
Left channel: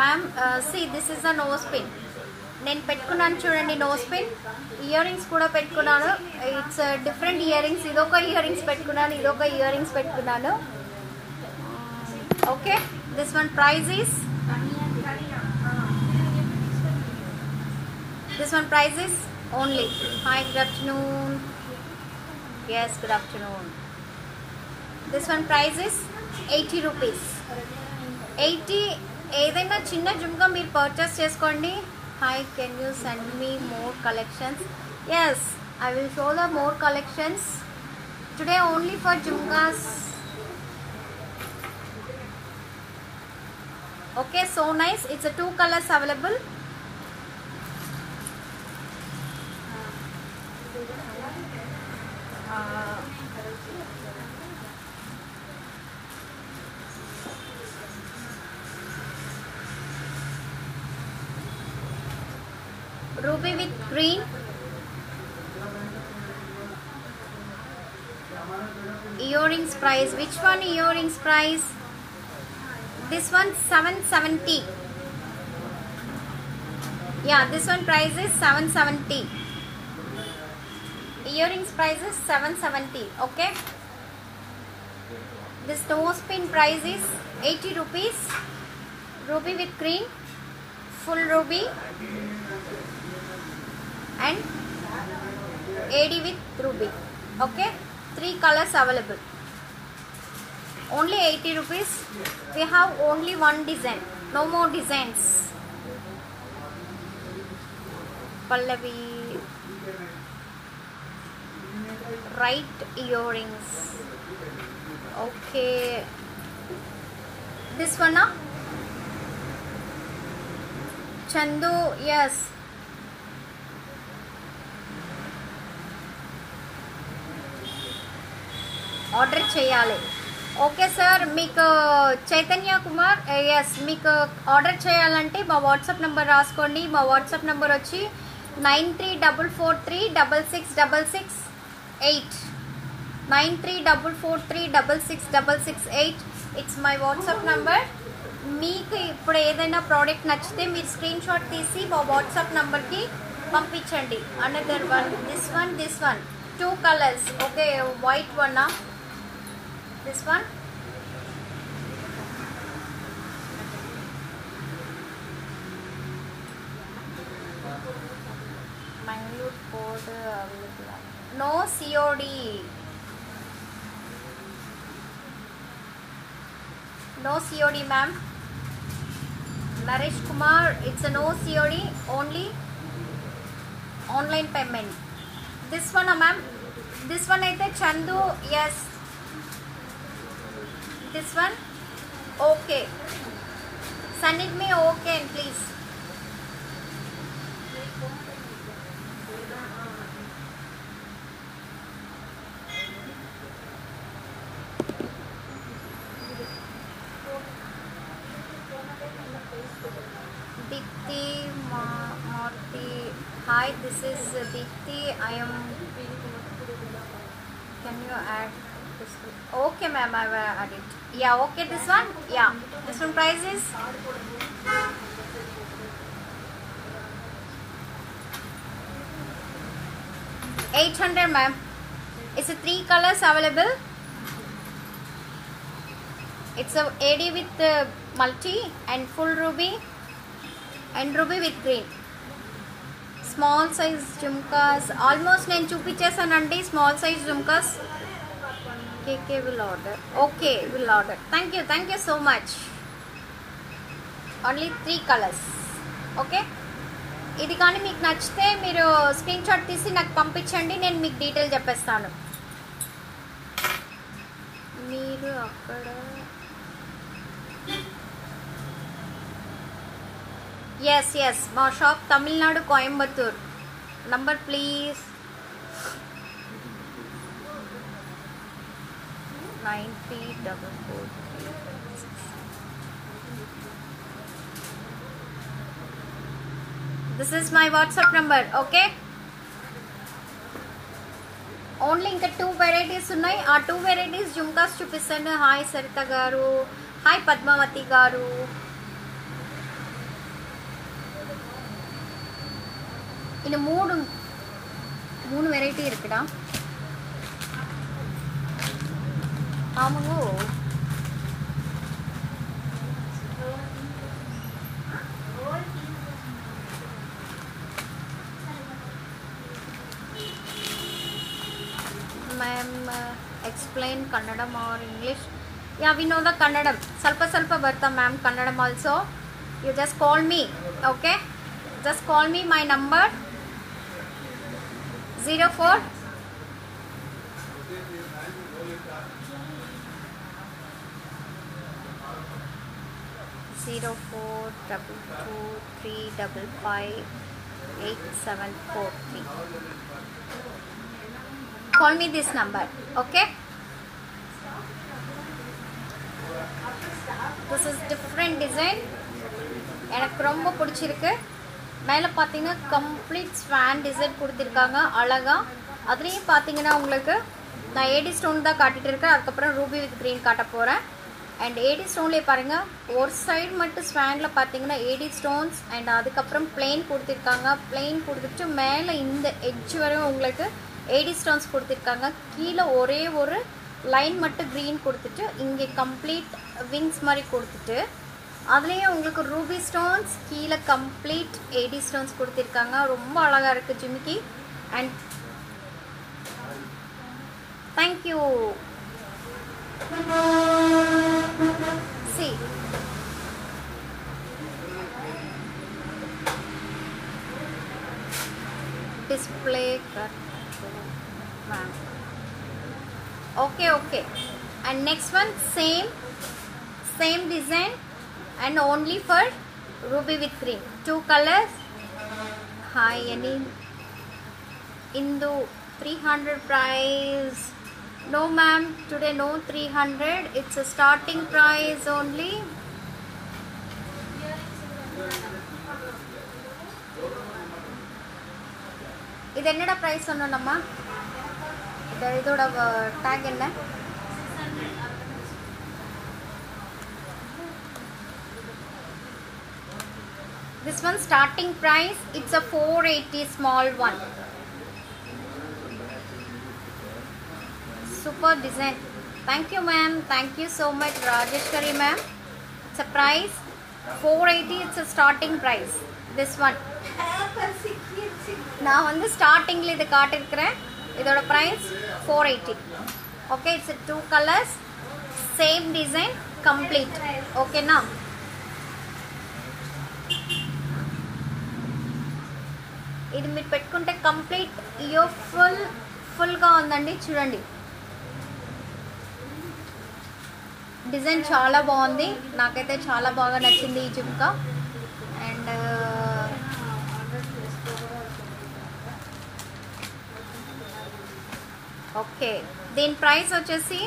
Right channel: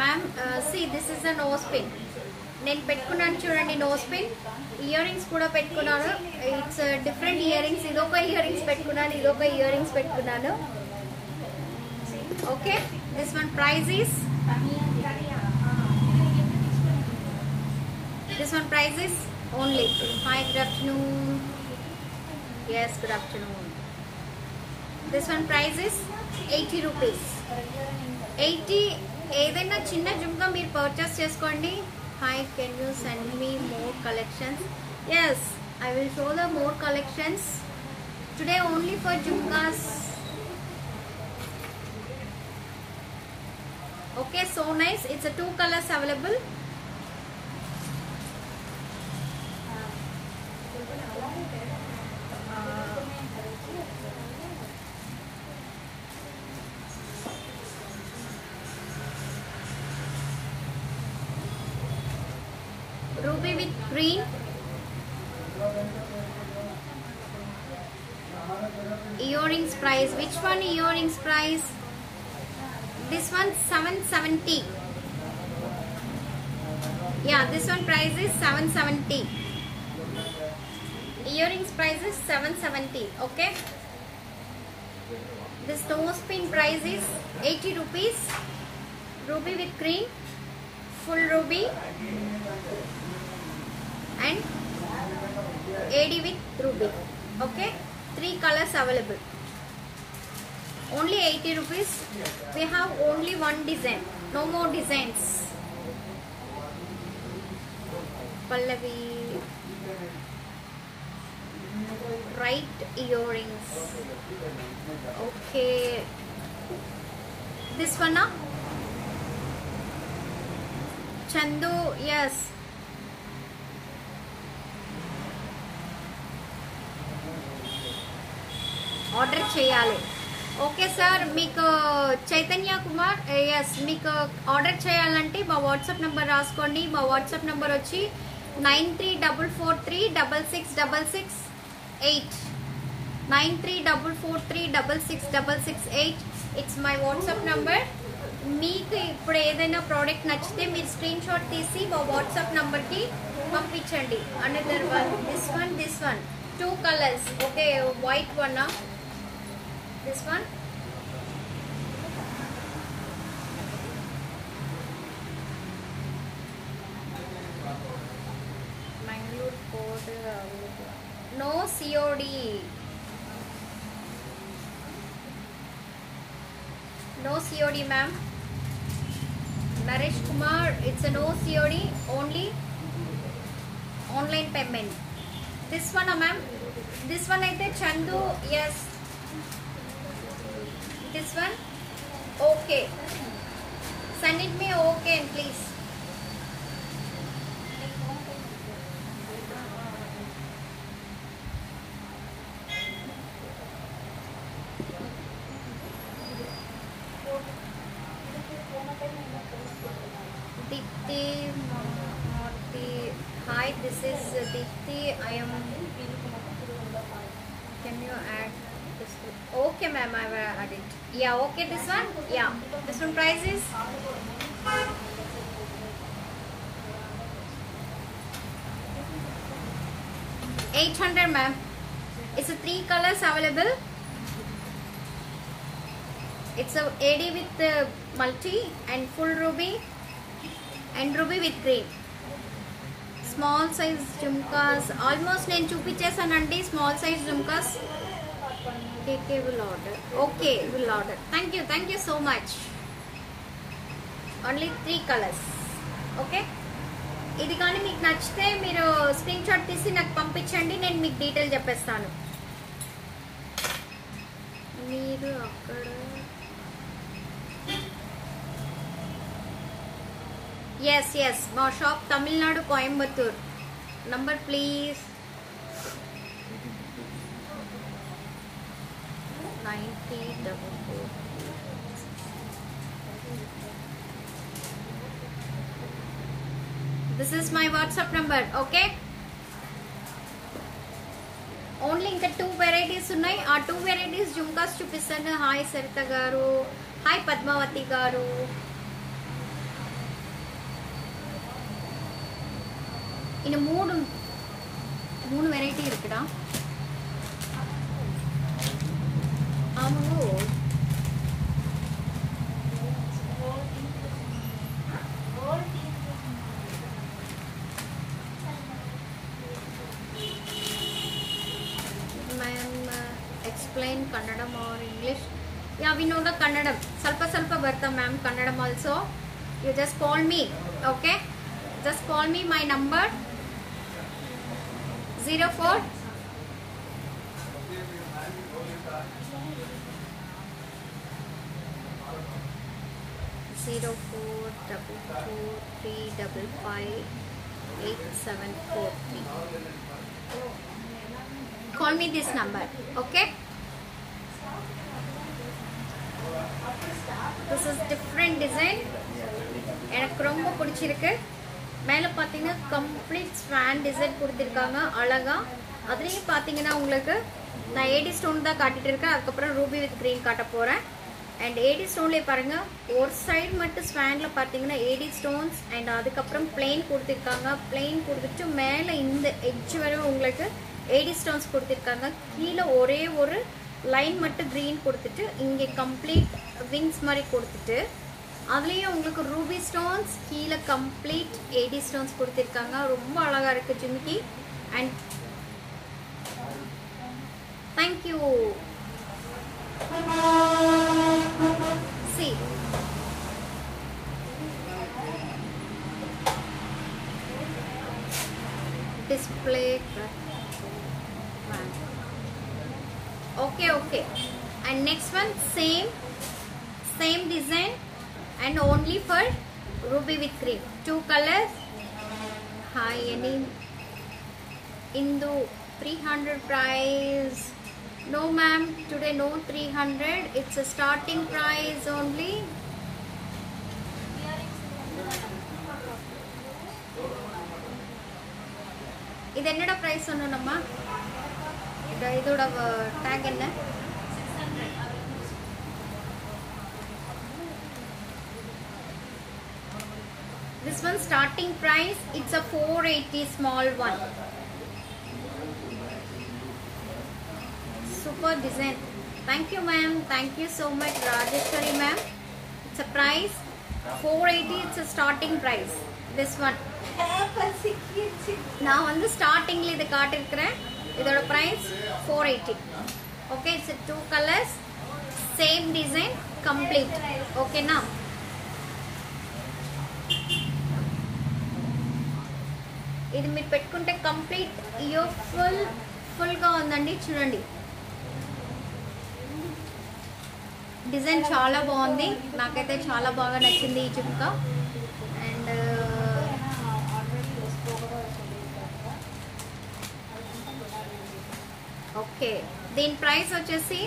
ma'am. See, this is the nose pin. నేను పెట్టుకున్నాను చూడండి nose pin. Year rings కూడా పెట్టుకున్నాను. It's different ear rings. ఇదొక ear rings పెట్టుకున్నాను, ఇదొక ear rings పెట్టుకున్నాను. Okay, this one price is only. Hi, good afternoon. Yes, good afternoon. This one price is 80 rupees. 80. ఏదైనా చిన్న జుమ్కా మీరు పర్చేస్ చేసుకోండి. Hi, can you send me more collections? Yes, I will show the more collections today only for jhumkas. Okay, so nice. It's a 2 colors available. Ruby with green. Earrings price. Which one earrings price? This one 770. Yeah, this one price is 770. Earrings price is 770. Okay. This nose pin price is 80 rupees. Ruby with green. Full ruby. And AD with ruby. Okay, 3 colors available. Only 80 rupees. We have only one design, no more designs. Pallavi, right earrings. Okay, this one, Chandu. Yes, order చేయాలి. Okay sir, మీకు Chaitanya Kumar. Yes, మీకు order చేయాలంటే మా WhatsApp number రాసుకోండి. మా WhatsApp number వచ్చి 9344366668. 9344366668. It's my WhatsApp number. మీకు ఇప్పుడు ఏదైనా ప్రోడక్ట్ నచ్చితే మీరు స్క్రీన్ షాట్ తీసి మా వాట్సాప్ నెంబర్కి పంపించండి. Another one, this one 2 colors. Okay, white one. This one. Mangalore code available. No COD. No COD, ma'am. Naresh Kumar, it's a no COD, only online payment. This one, ma'am. This one aithe Chandu, yes. This one, okay. Send it me okay, please. Dipti Marti. Hi, this is Dipti. I am. Can you add this? Okay, ma'am, I will add it. Yeah, okay, this one? Yeah. This one price is? $800, ma'am. It's a 3 colors available. It's a AD with multi and full ruby and ruby with green. Small size jhumkas. Almost నేను చూపించేసానండి small size jhumkas. KK will order. Okay, will order. Thank you so much. Only 3 colors. Okay. ఇది కానీ మీకు నచ్చితే మీరు screen shot తీసి నాకు పంపించండి, నేను మీకు డీటెయిల్ చెప్పేస్తాను. మీరు అక్కడ yes మా shop Tamil Nadu Coimbatore. Number please 9044. This is my WhatsApp number. Okay, only ఇంకా 2 వెరైటీస్ ఉన్నాయి. ఆ 2 వెరైటీస్ జుమ్కాస్ చూపిస్తాను. హాయ్ సరిత గారు, హాయ్ పద్మావతి గారు. இன்னும் மூணு வெரைட்டி இருக்குடா. ஆமாங்க. Ma'am, explain Kannadam or English? Yeah, we know the Kannadam. Salpa barta ma'am Kannadam also. You just call me, okay? Just call me. My number 04 0422355873. Call me this number, okay? This is different design. எனக்கு ரொம்ப பிடிச்சிருக்கு. மேலே பார்த்தீங்கன்னா complete Swan design கொடுத்துருக்காங்க அழகா. அதுலேயும் பார்த்தீங்கன்னா உங்களுக்கு நான் ஏடி ஸ்டோன் தான் காட்டிட்டு இருக்கேன். அதுக்கப்புறம் ரூபி வித் கிரீன் காட்ட போகிறேன். அண்ட் ஏடி ஸ்டோன்லேயே பாருங்கள், ஒரு சைடு மட்டும் ஸ்வானில் பார்த்தீங்கன்னா ஏடி ஸ்டோன்ஸ் அண்ட் அதுக்கப்புறம் பிளெயின் கொடுத்துருக்காங்க. பிளெயின் கொடுத்துட்டு மேலே இந்த எட்ஜ் வரையும் உங்களுக்கு ஏடி ஸ்டோன்ஸ் கொடுத்துருக்காங்க. கீழே ஒரே ஒரு லைன் மட்டும் க்ரீன் கொடுத்துட்டு இங்கே கம்ப்ளீட் விங்ஸ் மாதிரி கொடுத்துட்டு அதுலேயும் உங்களுக்கு ரூபி ஸ்டோன்ஸ், கீழே கம்ப்ளீட் ஏடி ஸ்டோன்ஸ் கொடுத்துருக்காங்க. ரொம்ப அழகாக இருக்குது ஜிமிக்கி. And thank you. See, display. Okay. And next one, same design and only for ruby with cream. 2 colors. Hi, any Indu 300 price. No ma'am, today no 300. It's a starting price only. இது என்னடா price சொன்னோம்மா? இதோட talk என்ன? This one starting price, it's a 480 small one. Super design. Thank you ma'am. Thank you so much Rajeshwari ma'am. It's a price 480. It's a starting price. This one நான் வந்து ஸ்டார்டிங்ல இது காட்டிருக்கிறேன். இதோட price 480. Okay, it's 2 colours, same design, complete. ఓకేనా? ఇది మీరు పెట్టుకుంటే కంప్లీట్ ఇయర్ ఫుల్ గా ఉందండి. చూడండి, డిజైన్ చాలా బాగుంది. నాకైతే చాలా బాగా నచ్చింది ఈ జుమ్కా. అండ్ ఓకే, దీని ప్రైస్ వచ్చేసి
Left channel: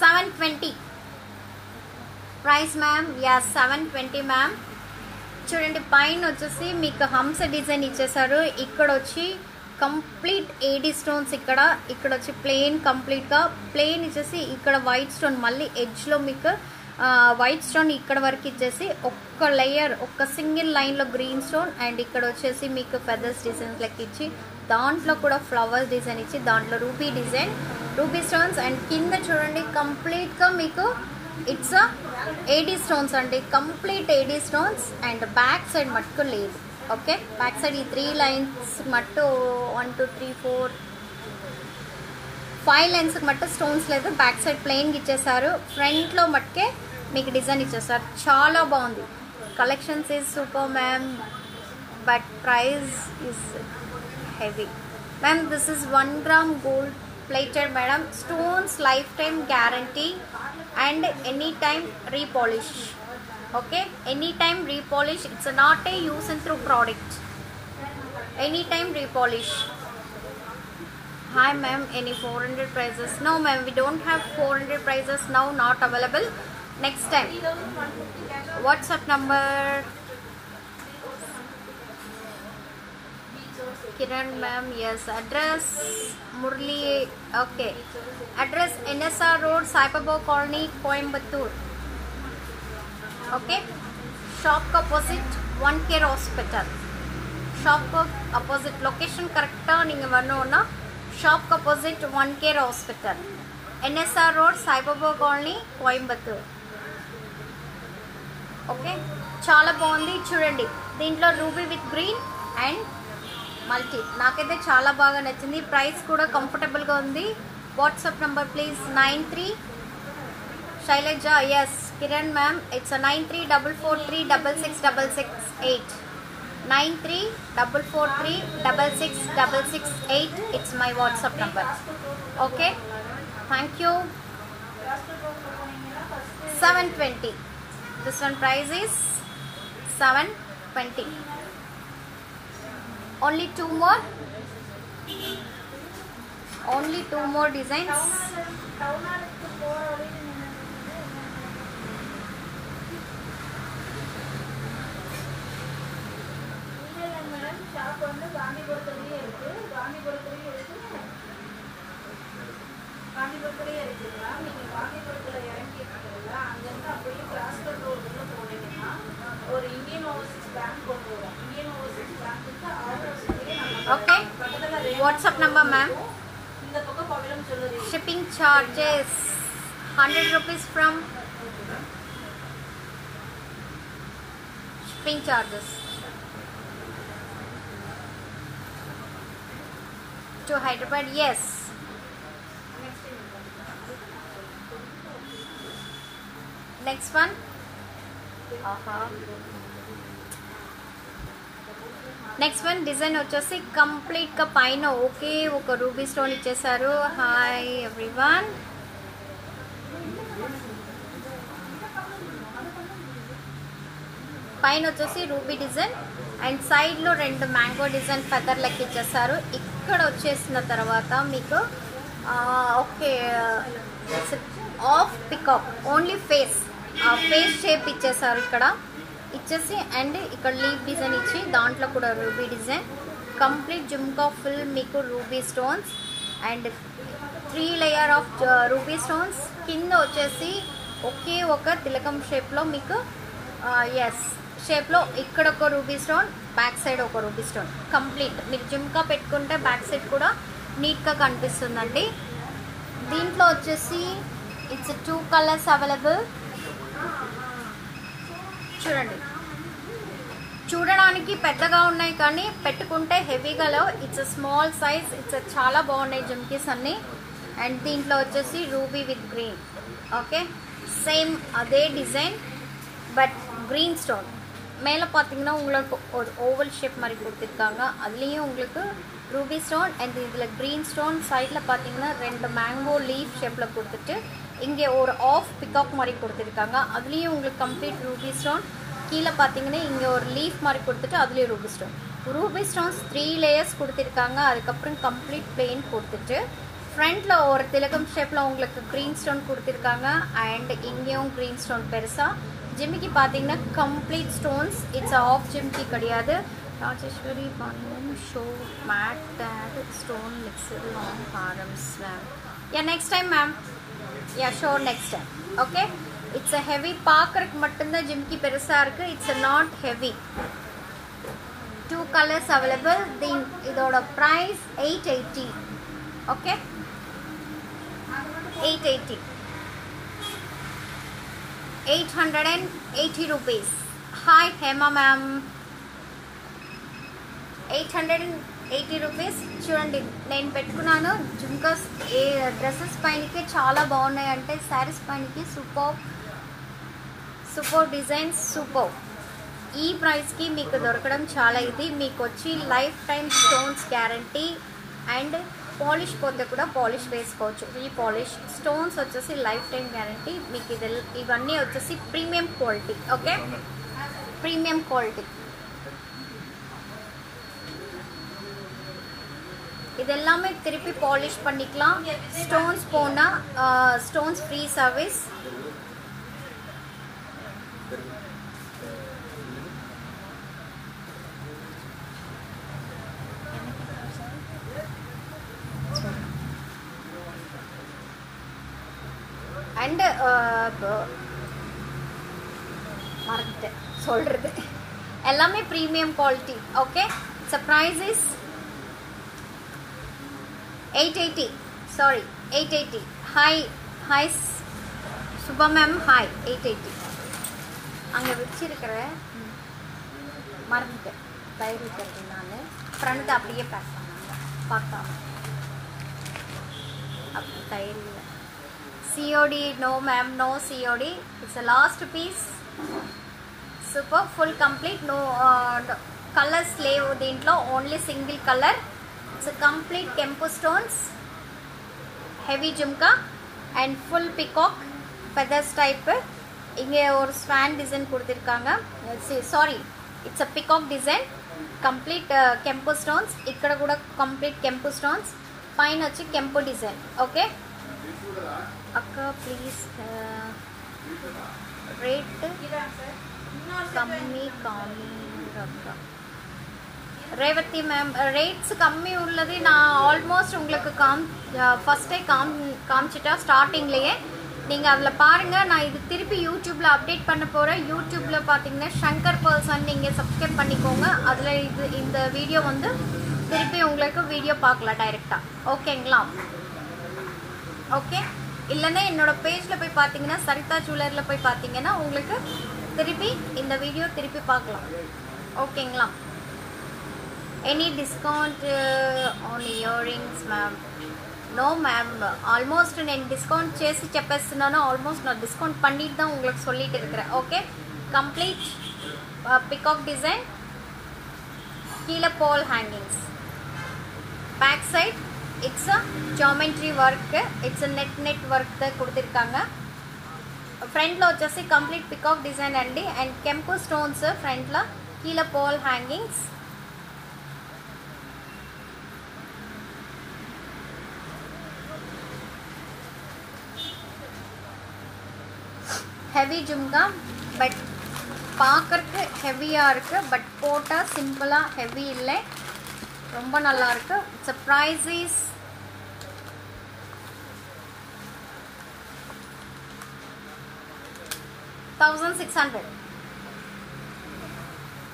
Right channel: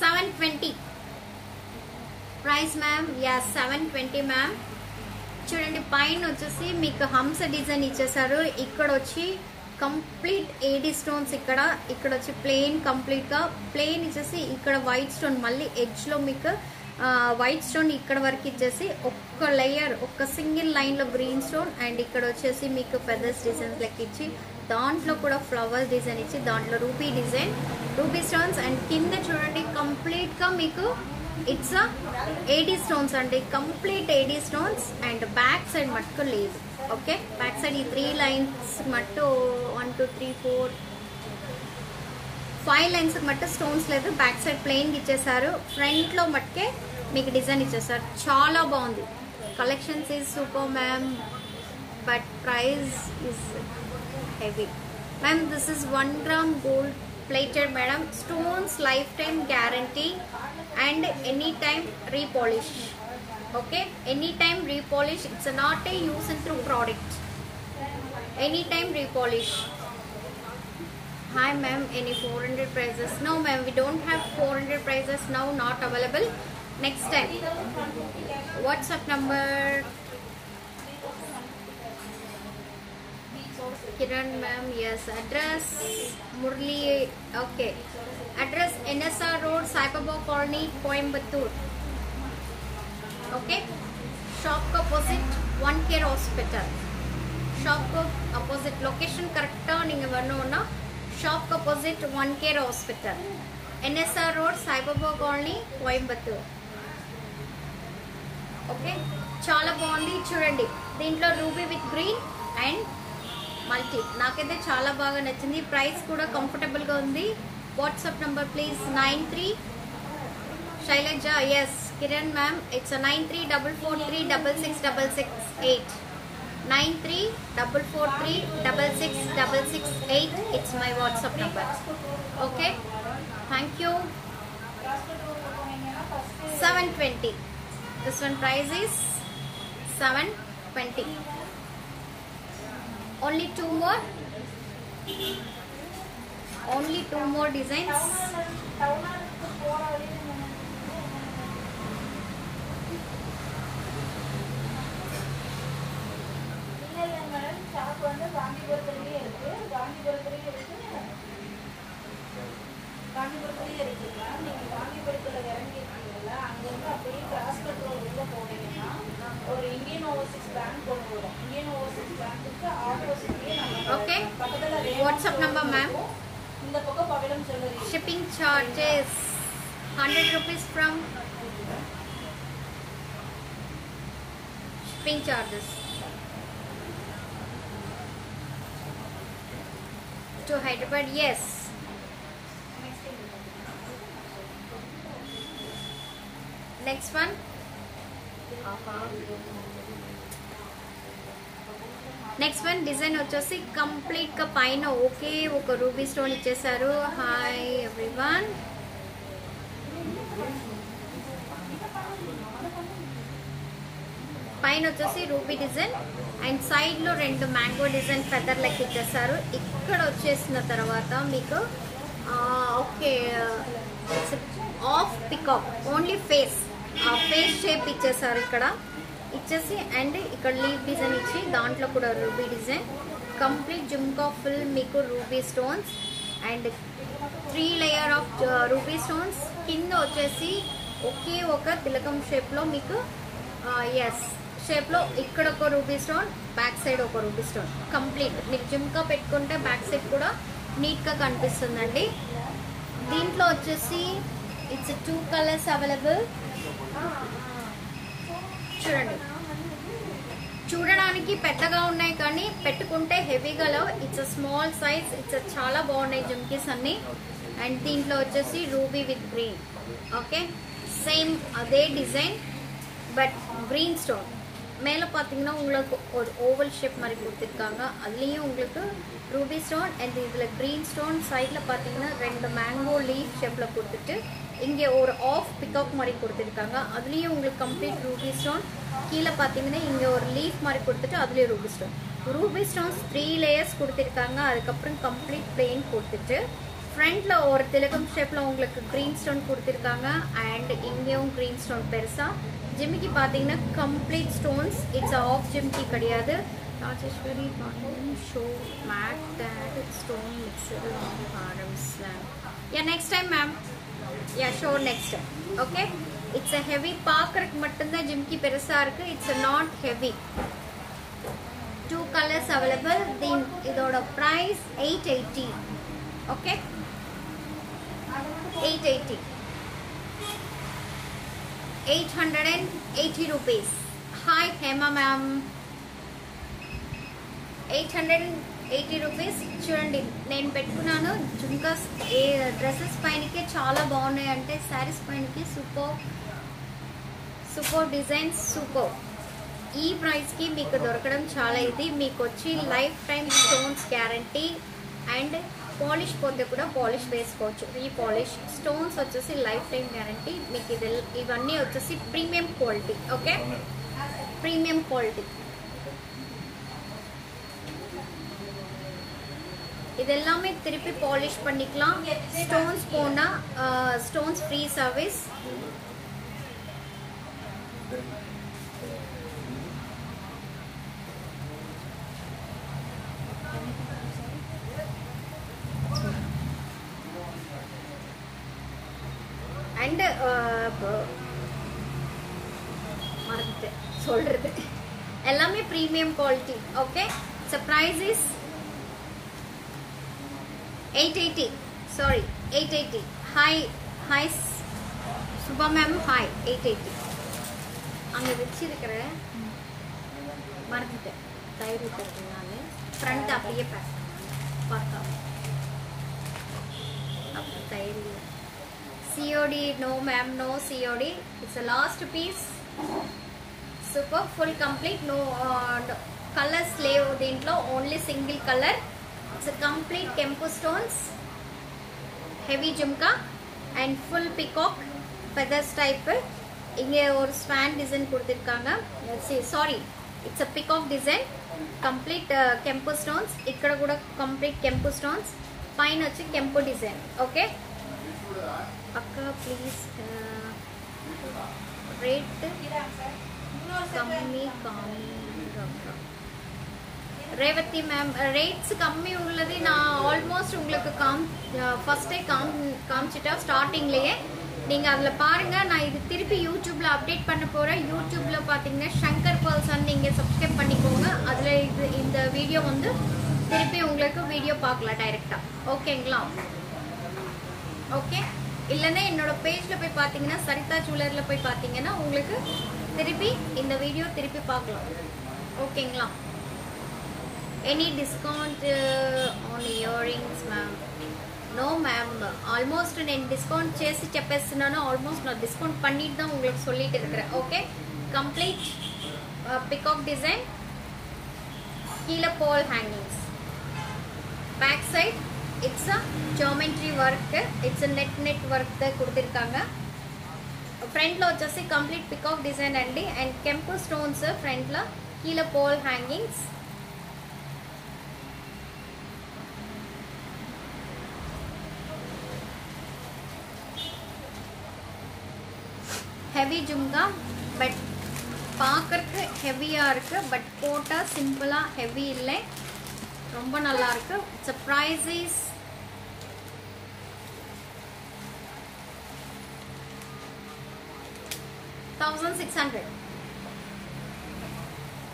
720 ప్రైస్ మ్యామ్. Yes, 720 ma'am. చూడండి, పైన వచ్చేసి మీకు హంస డిజైన్ ఇచ్చేసారు. ఇక్కడ వచ్చి కంప్లీట్ ఏడీ స్టోన్స్, ఇక్కడ వచ్చి ప్లెయిన్, కంప్లీట్ గా ప్లెయిన్ ఇచ్చేసి ఇక్కడ వైట్ స్టోన్, మళ్ళీ ఎడ్జ్ లో మీకు వైట్ స్టోన్ ఇక్కడ వరకు ఇచ్చేసి ఒక్క లేయర్, ఒక్క సింగిల్ లైన్ లో గ్రీన్ స్టోన్, అండ్ ఇక్కడ వచ్చేసి మీకు ఫెదర్స్ డిజైన్ లెక్క ఇచ్చి దాంట్లో కూడా ఫ్లవర్స్ డిజైన్ ఇచ్చి దాంట్లో ruby design, ruby stones. And కింద చూడండి కంప్లీట్ గా మీకు ఇట్స్ ఏడీ స్టోన్స్ అండి, complete AD stones. And back side మట్టుకు లేదు. ఓకే, బ్యాక్ సైడ్ ఈ 3 లైన్స్ మట్టు 1 2 3 4 5 లైన్స్ మట్టు స్టోన్స్ లేదు. బ్యాక్ సైడ్ ప్లెయిన్ ఇచ్చేసారు. ఫ్రంట్ లో మట్టుకే మీకు డిజైన్ ఇచ్చేసారు. చాలా బాగుంది. Collections is super ma'am, but price is heavy. Ma'am, this is 1 gram gold plated madam. Stones lifetime guarantee and anytime repolish. Okay, anytime repolish. It's not a use and through product. Anytime repolish. Hi ma'am, any 400 prices? No ma'am, we don't have 400 prices now, not available. Next time. WhatsApp number Kiran ma'am. Yes, address Murli. Okay, address NSR Road, Sai Baba Colony, Coimbatore. Okay, shop opposite One Care Hospital. Shop opposite, location correct ah ninga varnona. Shop opposite One Care Hospital, NSR Road, Sai Baba Colony, Coimbatore. Okay, చాలా బాగుంది. చూడండి, దీంట్లో ruby with green and multi. నాకైతే చాలా బాగా నచ్చింది. Price కూడా comfortable గా ఉంది. WhatsApp number please 93 Shailaja. Yes Kiran ma'am, it's 9344366668. 9344366668. It's my WhatsApp number. Okay, thank you. 720. This one price is 720. Only two more designs. Okay, WhatsApp number ma'am. Shipping charges 100 rupees from shipping charges to Hyderabad. Yes. Next one. Next one design వచ్చేసి complete గా పైన okay ఒక ruby stone ఇచ్చేసారు. Hi everyone, పైన వచ్చేసి ruby design and side లో 2 mango design feather లెక్క ఇచ్చేసారు. ఇక్కడ వచ్చేసిన తర్వాత మీకు okay of peacock only face shape ఇచ్చేసారు ఇక్కడ ఇచ్చేసి, అండ్ ఇక్కడ లీవ్ డిజైన్ ఇచ్చి దాంట్లో కూడా ruby design, complete jhumka full మీకు ruby stones and 3 layer of ruby stones. కింద వచ్చేసి ఒకే ఒక తిలకం షేప్ లో మీకు ఎస్ షేప్ లో ఇక్కడ ఒక రూబీ స్టోన్, బ్యాక్ సైడ్ ఒక రూబీ స్టోన్. కంప్లీట్ మీరు జుమ్కా పెట్టుకుంటే బ్యాక్ సైడ్ కూడా నీట్ గా కనిపిస్తుందండి. దీంట్లో వచ్చేసి ఇట్స్ 2 కలర్స్ అవైలబుల్. చూడండి చూడడానికి పెద్దగా ఉన్నాయి కానీ పెట్టుకుంటే హెవీగా లేవు. It's a small size. It's చాలా బాగున్నాయి జుమ్కీస్ అన్ని. అండ్ దీంట్లో వచ్చేసి ruby with green. Okay same அதே டிசைன் பட் கிரீன் ஸ்டோன். மேலே பார்த்தீங்கன்னா உங்களுக்கு ஒரு ஓவல் ஷேப் மாதிரி கொடுத்துருக்காங்க. அதுலேயும் உங்களுக்கு ரூபி ஸ்டோன் அண்ட் இதில் க்ரீன் ஸ்டோன். சைடில் பார்த்தீங்கன்னா 2 மேங்கோ லீஃப் ஷேப்பில் கொடுத்துட்டு இங்கே ஒரு ஆஃப் பிகாக் மாதிரி கொடுத்துருக்காங்க. அதுலேயும் உங்களுக்கு கம்ப்ளீட் ரூபி ஸ்டோன். கீழே பார்த்தீங்கன்னா இங்கே ஒரு லீஃப் மாதிரி கொடுத்துட்டு அதுலேயும் Ruby stone. Ruby stones 3 layers கொடுத்துருக்காங்க. அதுக்கப்புறம் கம்ப்ளீட் பிளெயின் கொடுத்துட்டு ஃப்ரண்ட்ல ஒரு திலகம் ஷேப்ல உங்களுக்கு கிரீன் ஸ்டோன் கொடுத்துருக்காங்க. அண்ட் இங்கேயும் கிரீன் ஸ்டோன் பெருசா. ஜிமிக்கி பார்த்தீங்கன்னா கம்ப்ளீட் ஸ்டோன்ஸ். இட்ஸ் ஆஃப் ஜிமிக்கி கிடையாது. Rajeshwari Pandian show made date stone mixture long ஹாரம்ஸ் ma'am. Ya next time ma'am. Ya show next time. Okay it's a heavy. பார்க்கறதுக்கு மட்டும்தான் ஜிமிக்கி பெருசா இருக்கு. It's not heavy. 2 colours available. இதோட price 880. Okay 880 880 rupees. Hi Hema ma'am. 880 rupees. చూడండి నేను పెట్టుకున్నాను జుమ్కాస్. ఏ డ్రెస్సెస్ పైనకి చాలా బాగున్నాయి అంటే శారీస్ పైనకి సూపర్ డిజైన్స్ సూపర్. ఈ ప్రైస్కి మీకు దొరకడం చాలా ఇది. మీకు వచ్చి life time stones guarantee and polish పోతే కూడా పాలిష్ వేసుకోవచ్చు. ఈ పాలిష్ స్టోన్స్ వచ్చేసి లైఫ్ టైం గ్యారంటీ మీకు. ఇవన్నీ వచ్చేసి premium quality. Okay premium quality. இதெல்லாமே திருப்பி பாலிஷ் பண்ணிக்கலாம். ஸ்டோன்ஸ் போனா ஸ்டோன்ஸ் ஃப்ரீ சர்வீஸ். அண்ட் மறந்துட்டேன் சொல்றது. எல்லாமே premium quality. Okay so price is 880. Sorry 880. Hi Subha ma'am. Hi 880. அங்கே வச்சிருக்கிற மறந்துட்டேன். தயிர் ஊற்றுறது நான் ஃப்ரண்ட் அப்படியே பார்க்காம அப்படி தயிர் இல்லை. COD no ma'am, no COD. It's a last piece. Super full complete. No color slave dintlo, only single color. It's a complete kempu stones, heavy jumka and full peacock feathers type. இங்கே ஒரு Swan design கொடுத்திருக்காங்க. Sorry it's a peacock design. complete kempu stones. ఇక్కడ కూడా complete kempu stones. పైన వచ్చి kempu design. okay అక్క please rate కమ్మీ కానీ అక్క. ரேவதி மேம் ரேட்ஸ் கம்மி உள்ளது நான் ஆல்மோஸ்ட் உங்களுக்கு ஃபர்ஸ்டே காமிச்சிட்டா ஸ்டார்டிங்லேயே. நீங்கள் அதில் பாருங்கள். நான் இது திருப்பி யூடியூப்பில் அப்டேட் பண்ண போகிறேன். யூடியூப்பில் பார்த்தீங்கன்னா ஷங்கர் பர்சன் நீங்கள் சப்ஸ்கிரைப் பண்ணிக்கோங்க. அதில் இந்த வீடியோ வந்து திருப்பி உங்களுக்கு வீடியோ பார்க்கலாம் டைரெக்டாக. ஓகேங்களா? ஓகே இல்லைன்னா என்னோட பேஜில் போய் பார்த்தீங்கன்னா சரிதா ஜுவல்லரியில் போய் பார்த்தீங்கன்னா உங்களுக்கு திருப்பி இந்த வீடியோ திருப்பி பார்க்கலாம். ஓகேங்களா? Any discount on earrings ma'am? No ma'am. Almost నేను డిస్కౌంట్ చేసి చెప్పేస్తున్నాను. ఆల్మోస్ట్ நான் డిస్కౌంట్ பண்ணிட்டு தான் உங்களுக்கு சொல்லிட்டு இருக்கிறேன். Okay complete peacock design. கீழே ball hangings. Back side it's a geometry work. It's net work கொடுத்திருக்காங்க. ఫ్రంట్లో వచ్చేసి కంప్లీట్ పికాక్ డిజైన్ అండి. అండ్ కెంపు స్టోన్స్ ఫ్రంట్లో. కీழே ball hangings. Heavy jhumka but பார்க்கறதுக்கு ஹெவியாக இருக்குது. பட் போட்டால் சிம்பிளாக ஹெவி இல்லை, ரொம்ப நல்லா இருக்கு. It's price is 1600.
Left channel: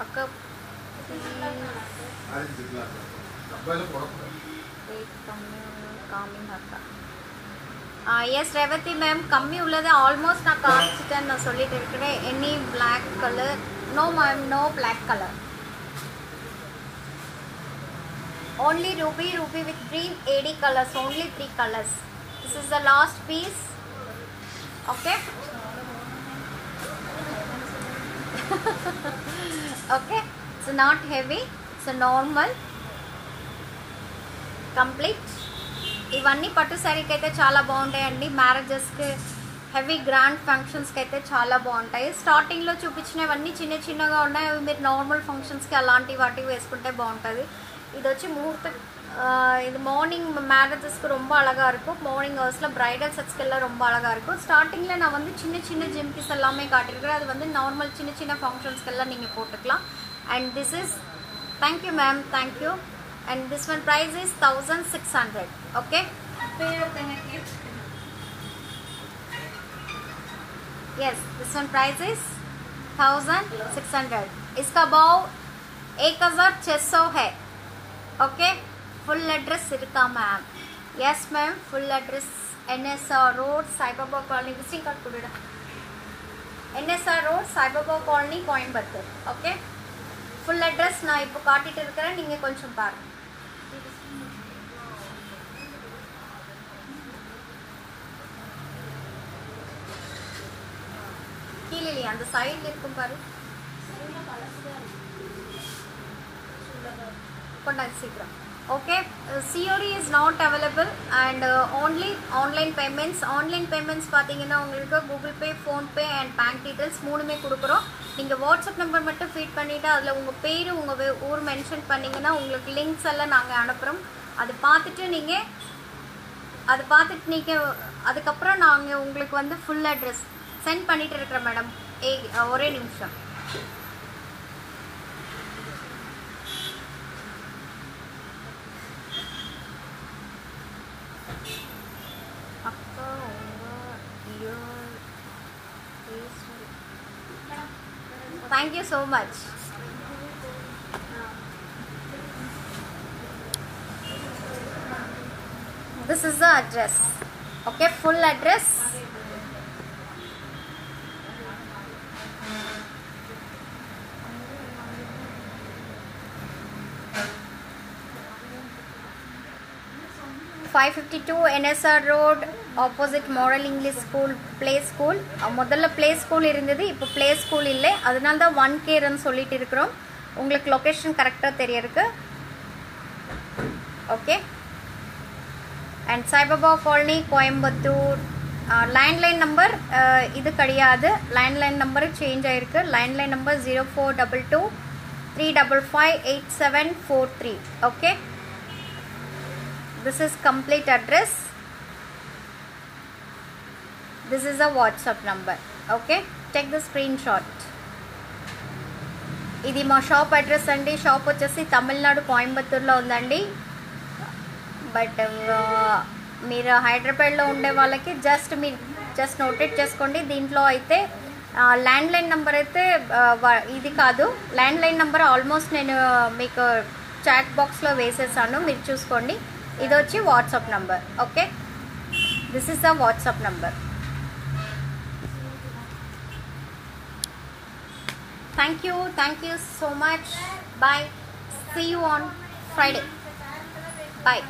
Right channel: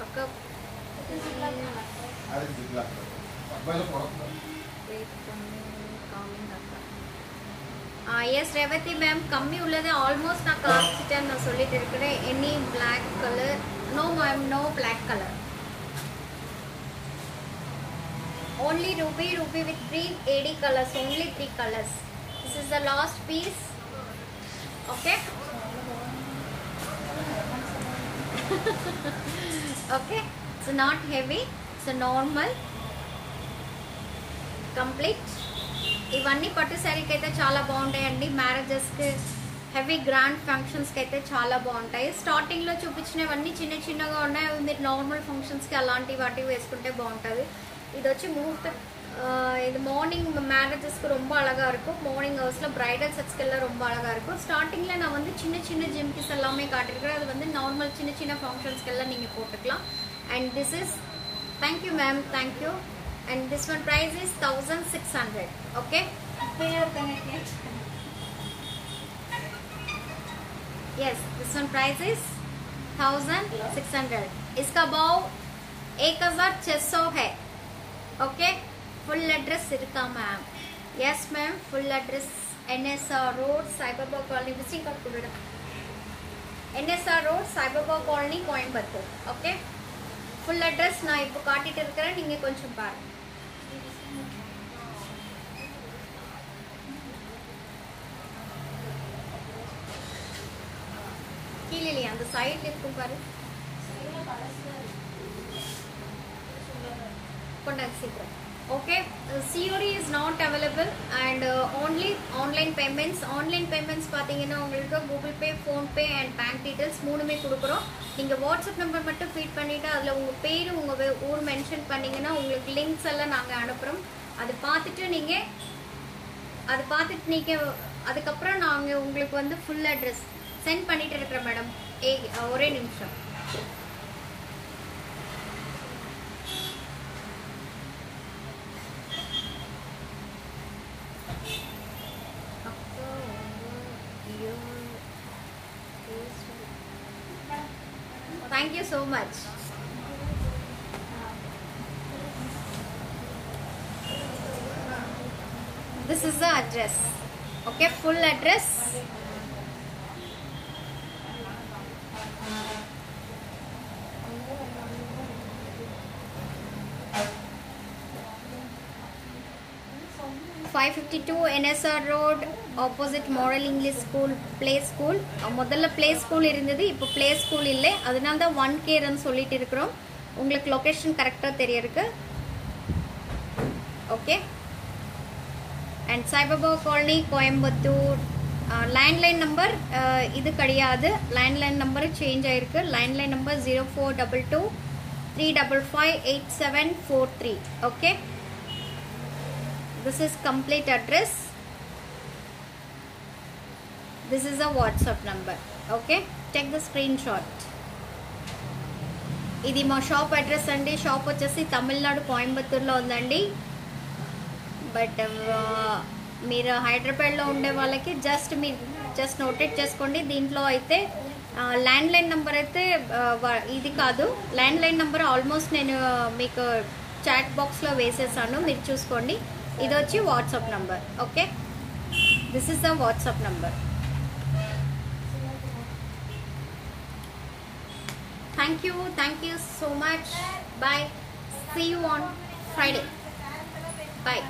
அக்கா எஸ் ரேவதி மேம், கம்மி உள்ளது ஆல்மோஸ்ட் நான் காமிச்சிட்டேன், நான் சொல்லிட்டு இருக்கிறேன். Any black colour? No ma'am, no black colour. only ruby with green AD colors, only 3 colors. This is the last piece. Okay. Okay, it's not heavy, it's a normal complete. ఇవన్నీ పట్టు శారీకి అయితే చాలా బాగుంటాయండి. మ్యారేజెస్కి, హెవీ గ్రాండ్ ఫంక్షన్స్కి అయితే చాలా బాగుంటాయి. స్టార్టింగ్లో చూపించినవన్నీ చిన్న చిన్నగా ఉన్నాయి, అవి మీరు నార్మల్ ఫంక్షన్స్కి అలాంటి వాటివి వేసుకుంటే బాగుంటుంది. இது வச்சு முகூர்த்த இது மார்னிங் மேரேஜஸ்க்கு ரொம்ப அழகாக இருக்கும். மார்னிங் ஹவர்ஸில் ப்ரைடல் செட்ஸ்க்கெல்லாம் ரொம்ப அழகாக இருக்கும். ஸ்டார்டிங்கில் நான் வந்து சின்ன சின்ன ஜிம்கிஸ் எல்லாமே காட்டியிருக்கேன். அது வந்து நார்மல் சின்ன சின்ன ஃபங்க்ஷன்ஸ்க்கெல்லாம் நீங்கள் போட்டுக்கலாம். And this is, thank you ma'am, thank you. And this one price is 1600. Okay, yes, this one price is 1600. इसका भाव 1600 है. ओके, फुल एड्रेस इरुक्का ma'am? Yes ma'am, full address NSR road, Saibaba colony, visiting card कुडुडा. NSR road, Saibaba colony, Coimbatore. Okay, full address ना इप्पो काटिट्टु इरुक्केन, नींगा कोंचम पारुंगा. கீழே அந்த சைடுல இருக்கும் பாரு, கொண்டாங்க சீக்கிரம். Okay, COD is not available and only online payments. Online payments பார்த்தீங்கன்னா உங்களுக்கு Google Pay, PhonePe and bank details மூணுமே கொடுக்குறோம். நீங்கள் வாட்ஸ்அப் நம்பர் மட்டும் ஃபீட் பண்ணிவிட்டு அதில் உங்கள் பேர், உங்கள் ஊர் மென்ஷன் பண்ணிங்கன்னா உங்களுக்கு லிங்க்ஸ் எல்லாம் நாங்கள் அனுப்புகிறோம். அதை பார்த்துட்டு நீங்கள் அதுக்கப்புறம் நாங்கள் உங்களுக்கு வந்து ஃபுல் அட்ரஸ் சென்ட் பண்ணிட்டு இருக்கிறோம் மேடம். ஒரே நிமிஷம். Thank you so much. This is the address. Okay, full address. (552) NSR Road, opposite Model English School, Play School. முதல்ல Play School இருந்தது, இப்போ Play School இல்லை, அதனால தான் 1K ரன் சொல்லிட்டு இருக்கிறோம். உங்களுக்கு லொகேஷன் கரெக்டாக தெரியருக்கு. Okay, and Saibaba colony, Coimbatore. Landline number இது கிடையாது, லேண்ட்லைன் நம்பர் சேஞ்ச் ஆயிருக்கு. Landline number 0422 355 8743. Okay, this is complete address. This is a WhatsApp number. Okay, take the screenshot. ఇది మా షాప్ అడ్రస్ అండి. షాప్ వచ్చేసి తమిళనాడు కోయంబత్తూర్లో ఉందండి. బట్ మీరు హైదరాబాద్లో ఉండే వాళ్ళకి జస్ట్ నోటెడ్ చేసుకోండి. దీంట్లో అయితే ల్యాండ్లైన్ నెంబర్ అయితే ఇది కాదు. ల్యాండ్లైన్ నెంబర్ ఆల్మోస్ట్ నేను మీకు చాట్ బాక్స్లో వేసేసాను, మీరు చూసుకోండి. ఇది వచ్చి WhatsApp number. Okay, this is the WhatsApp number. Thank you so much. Bye, see you on Friday. Bye.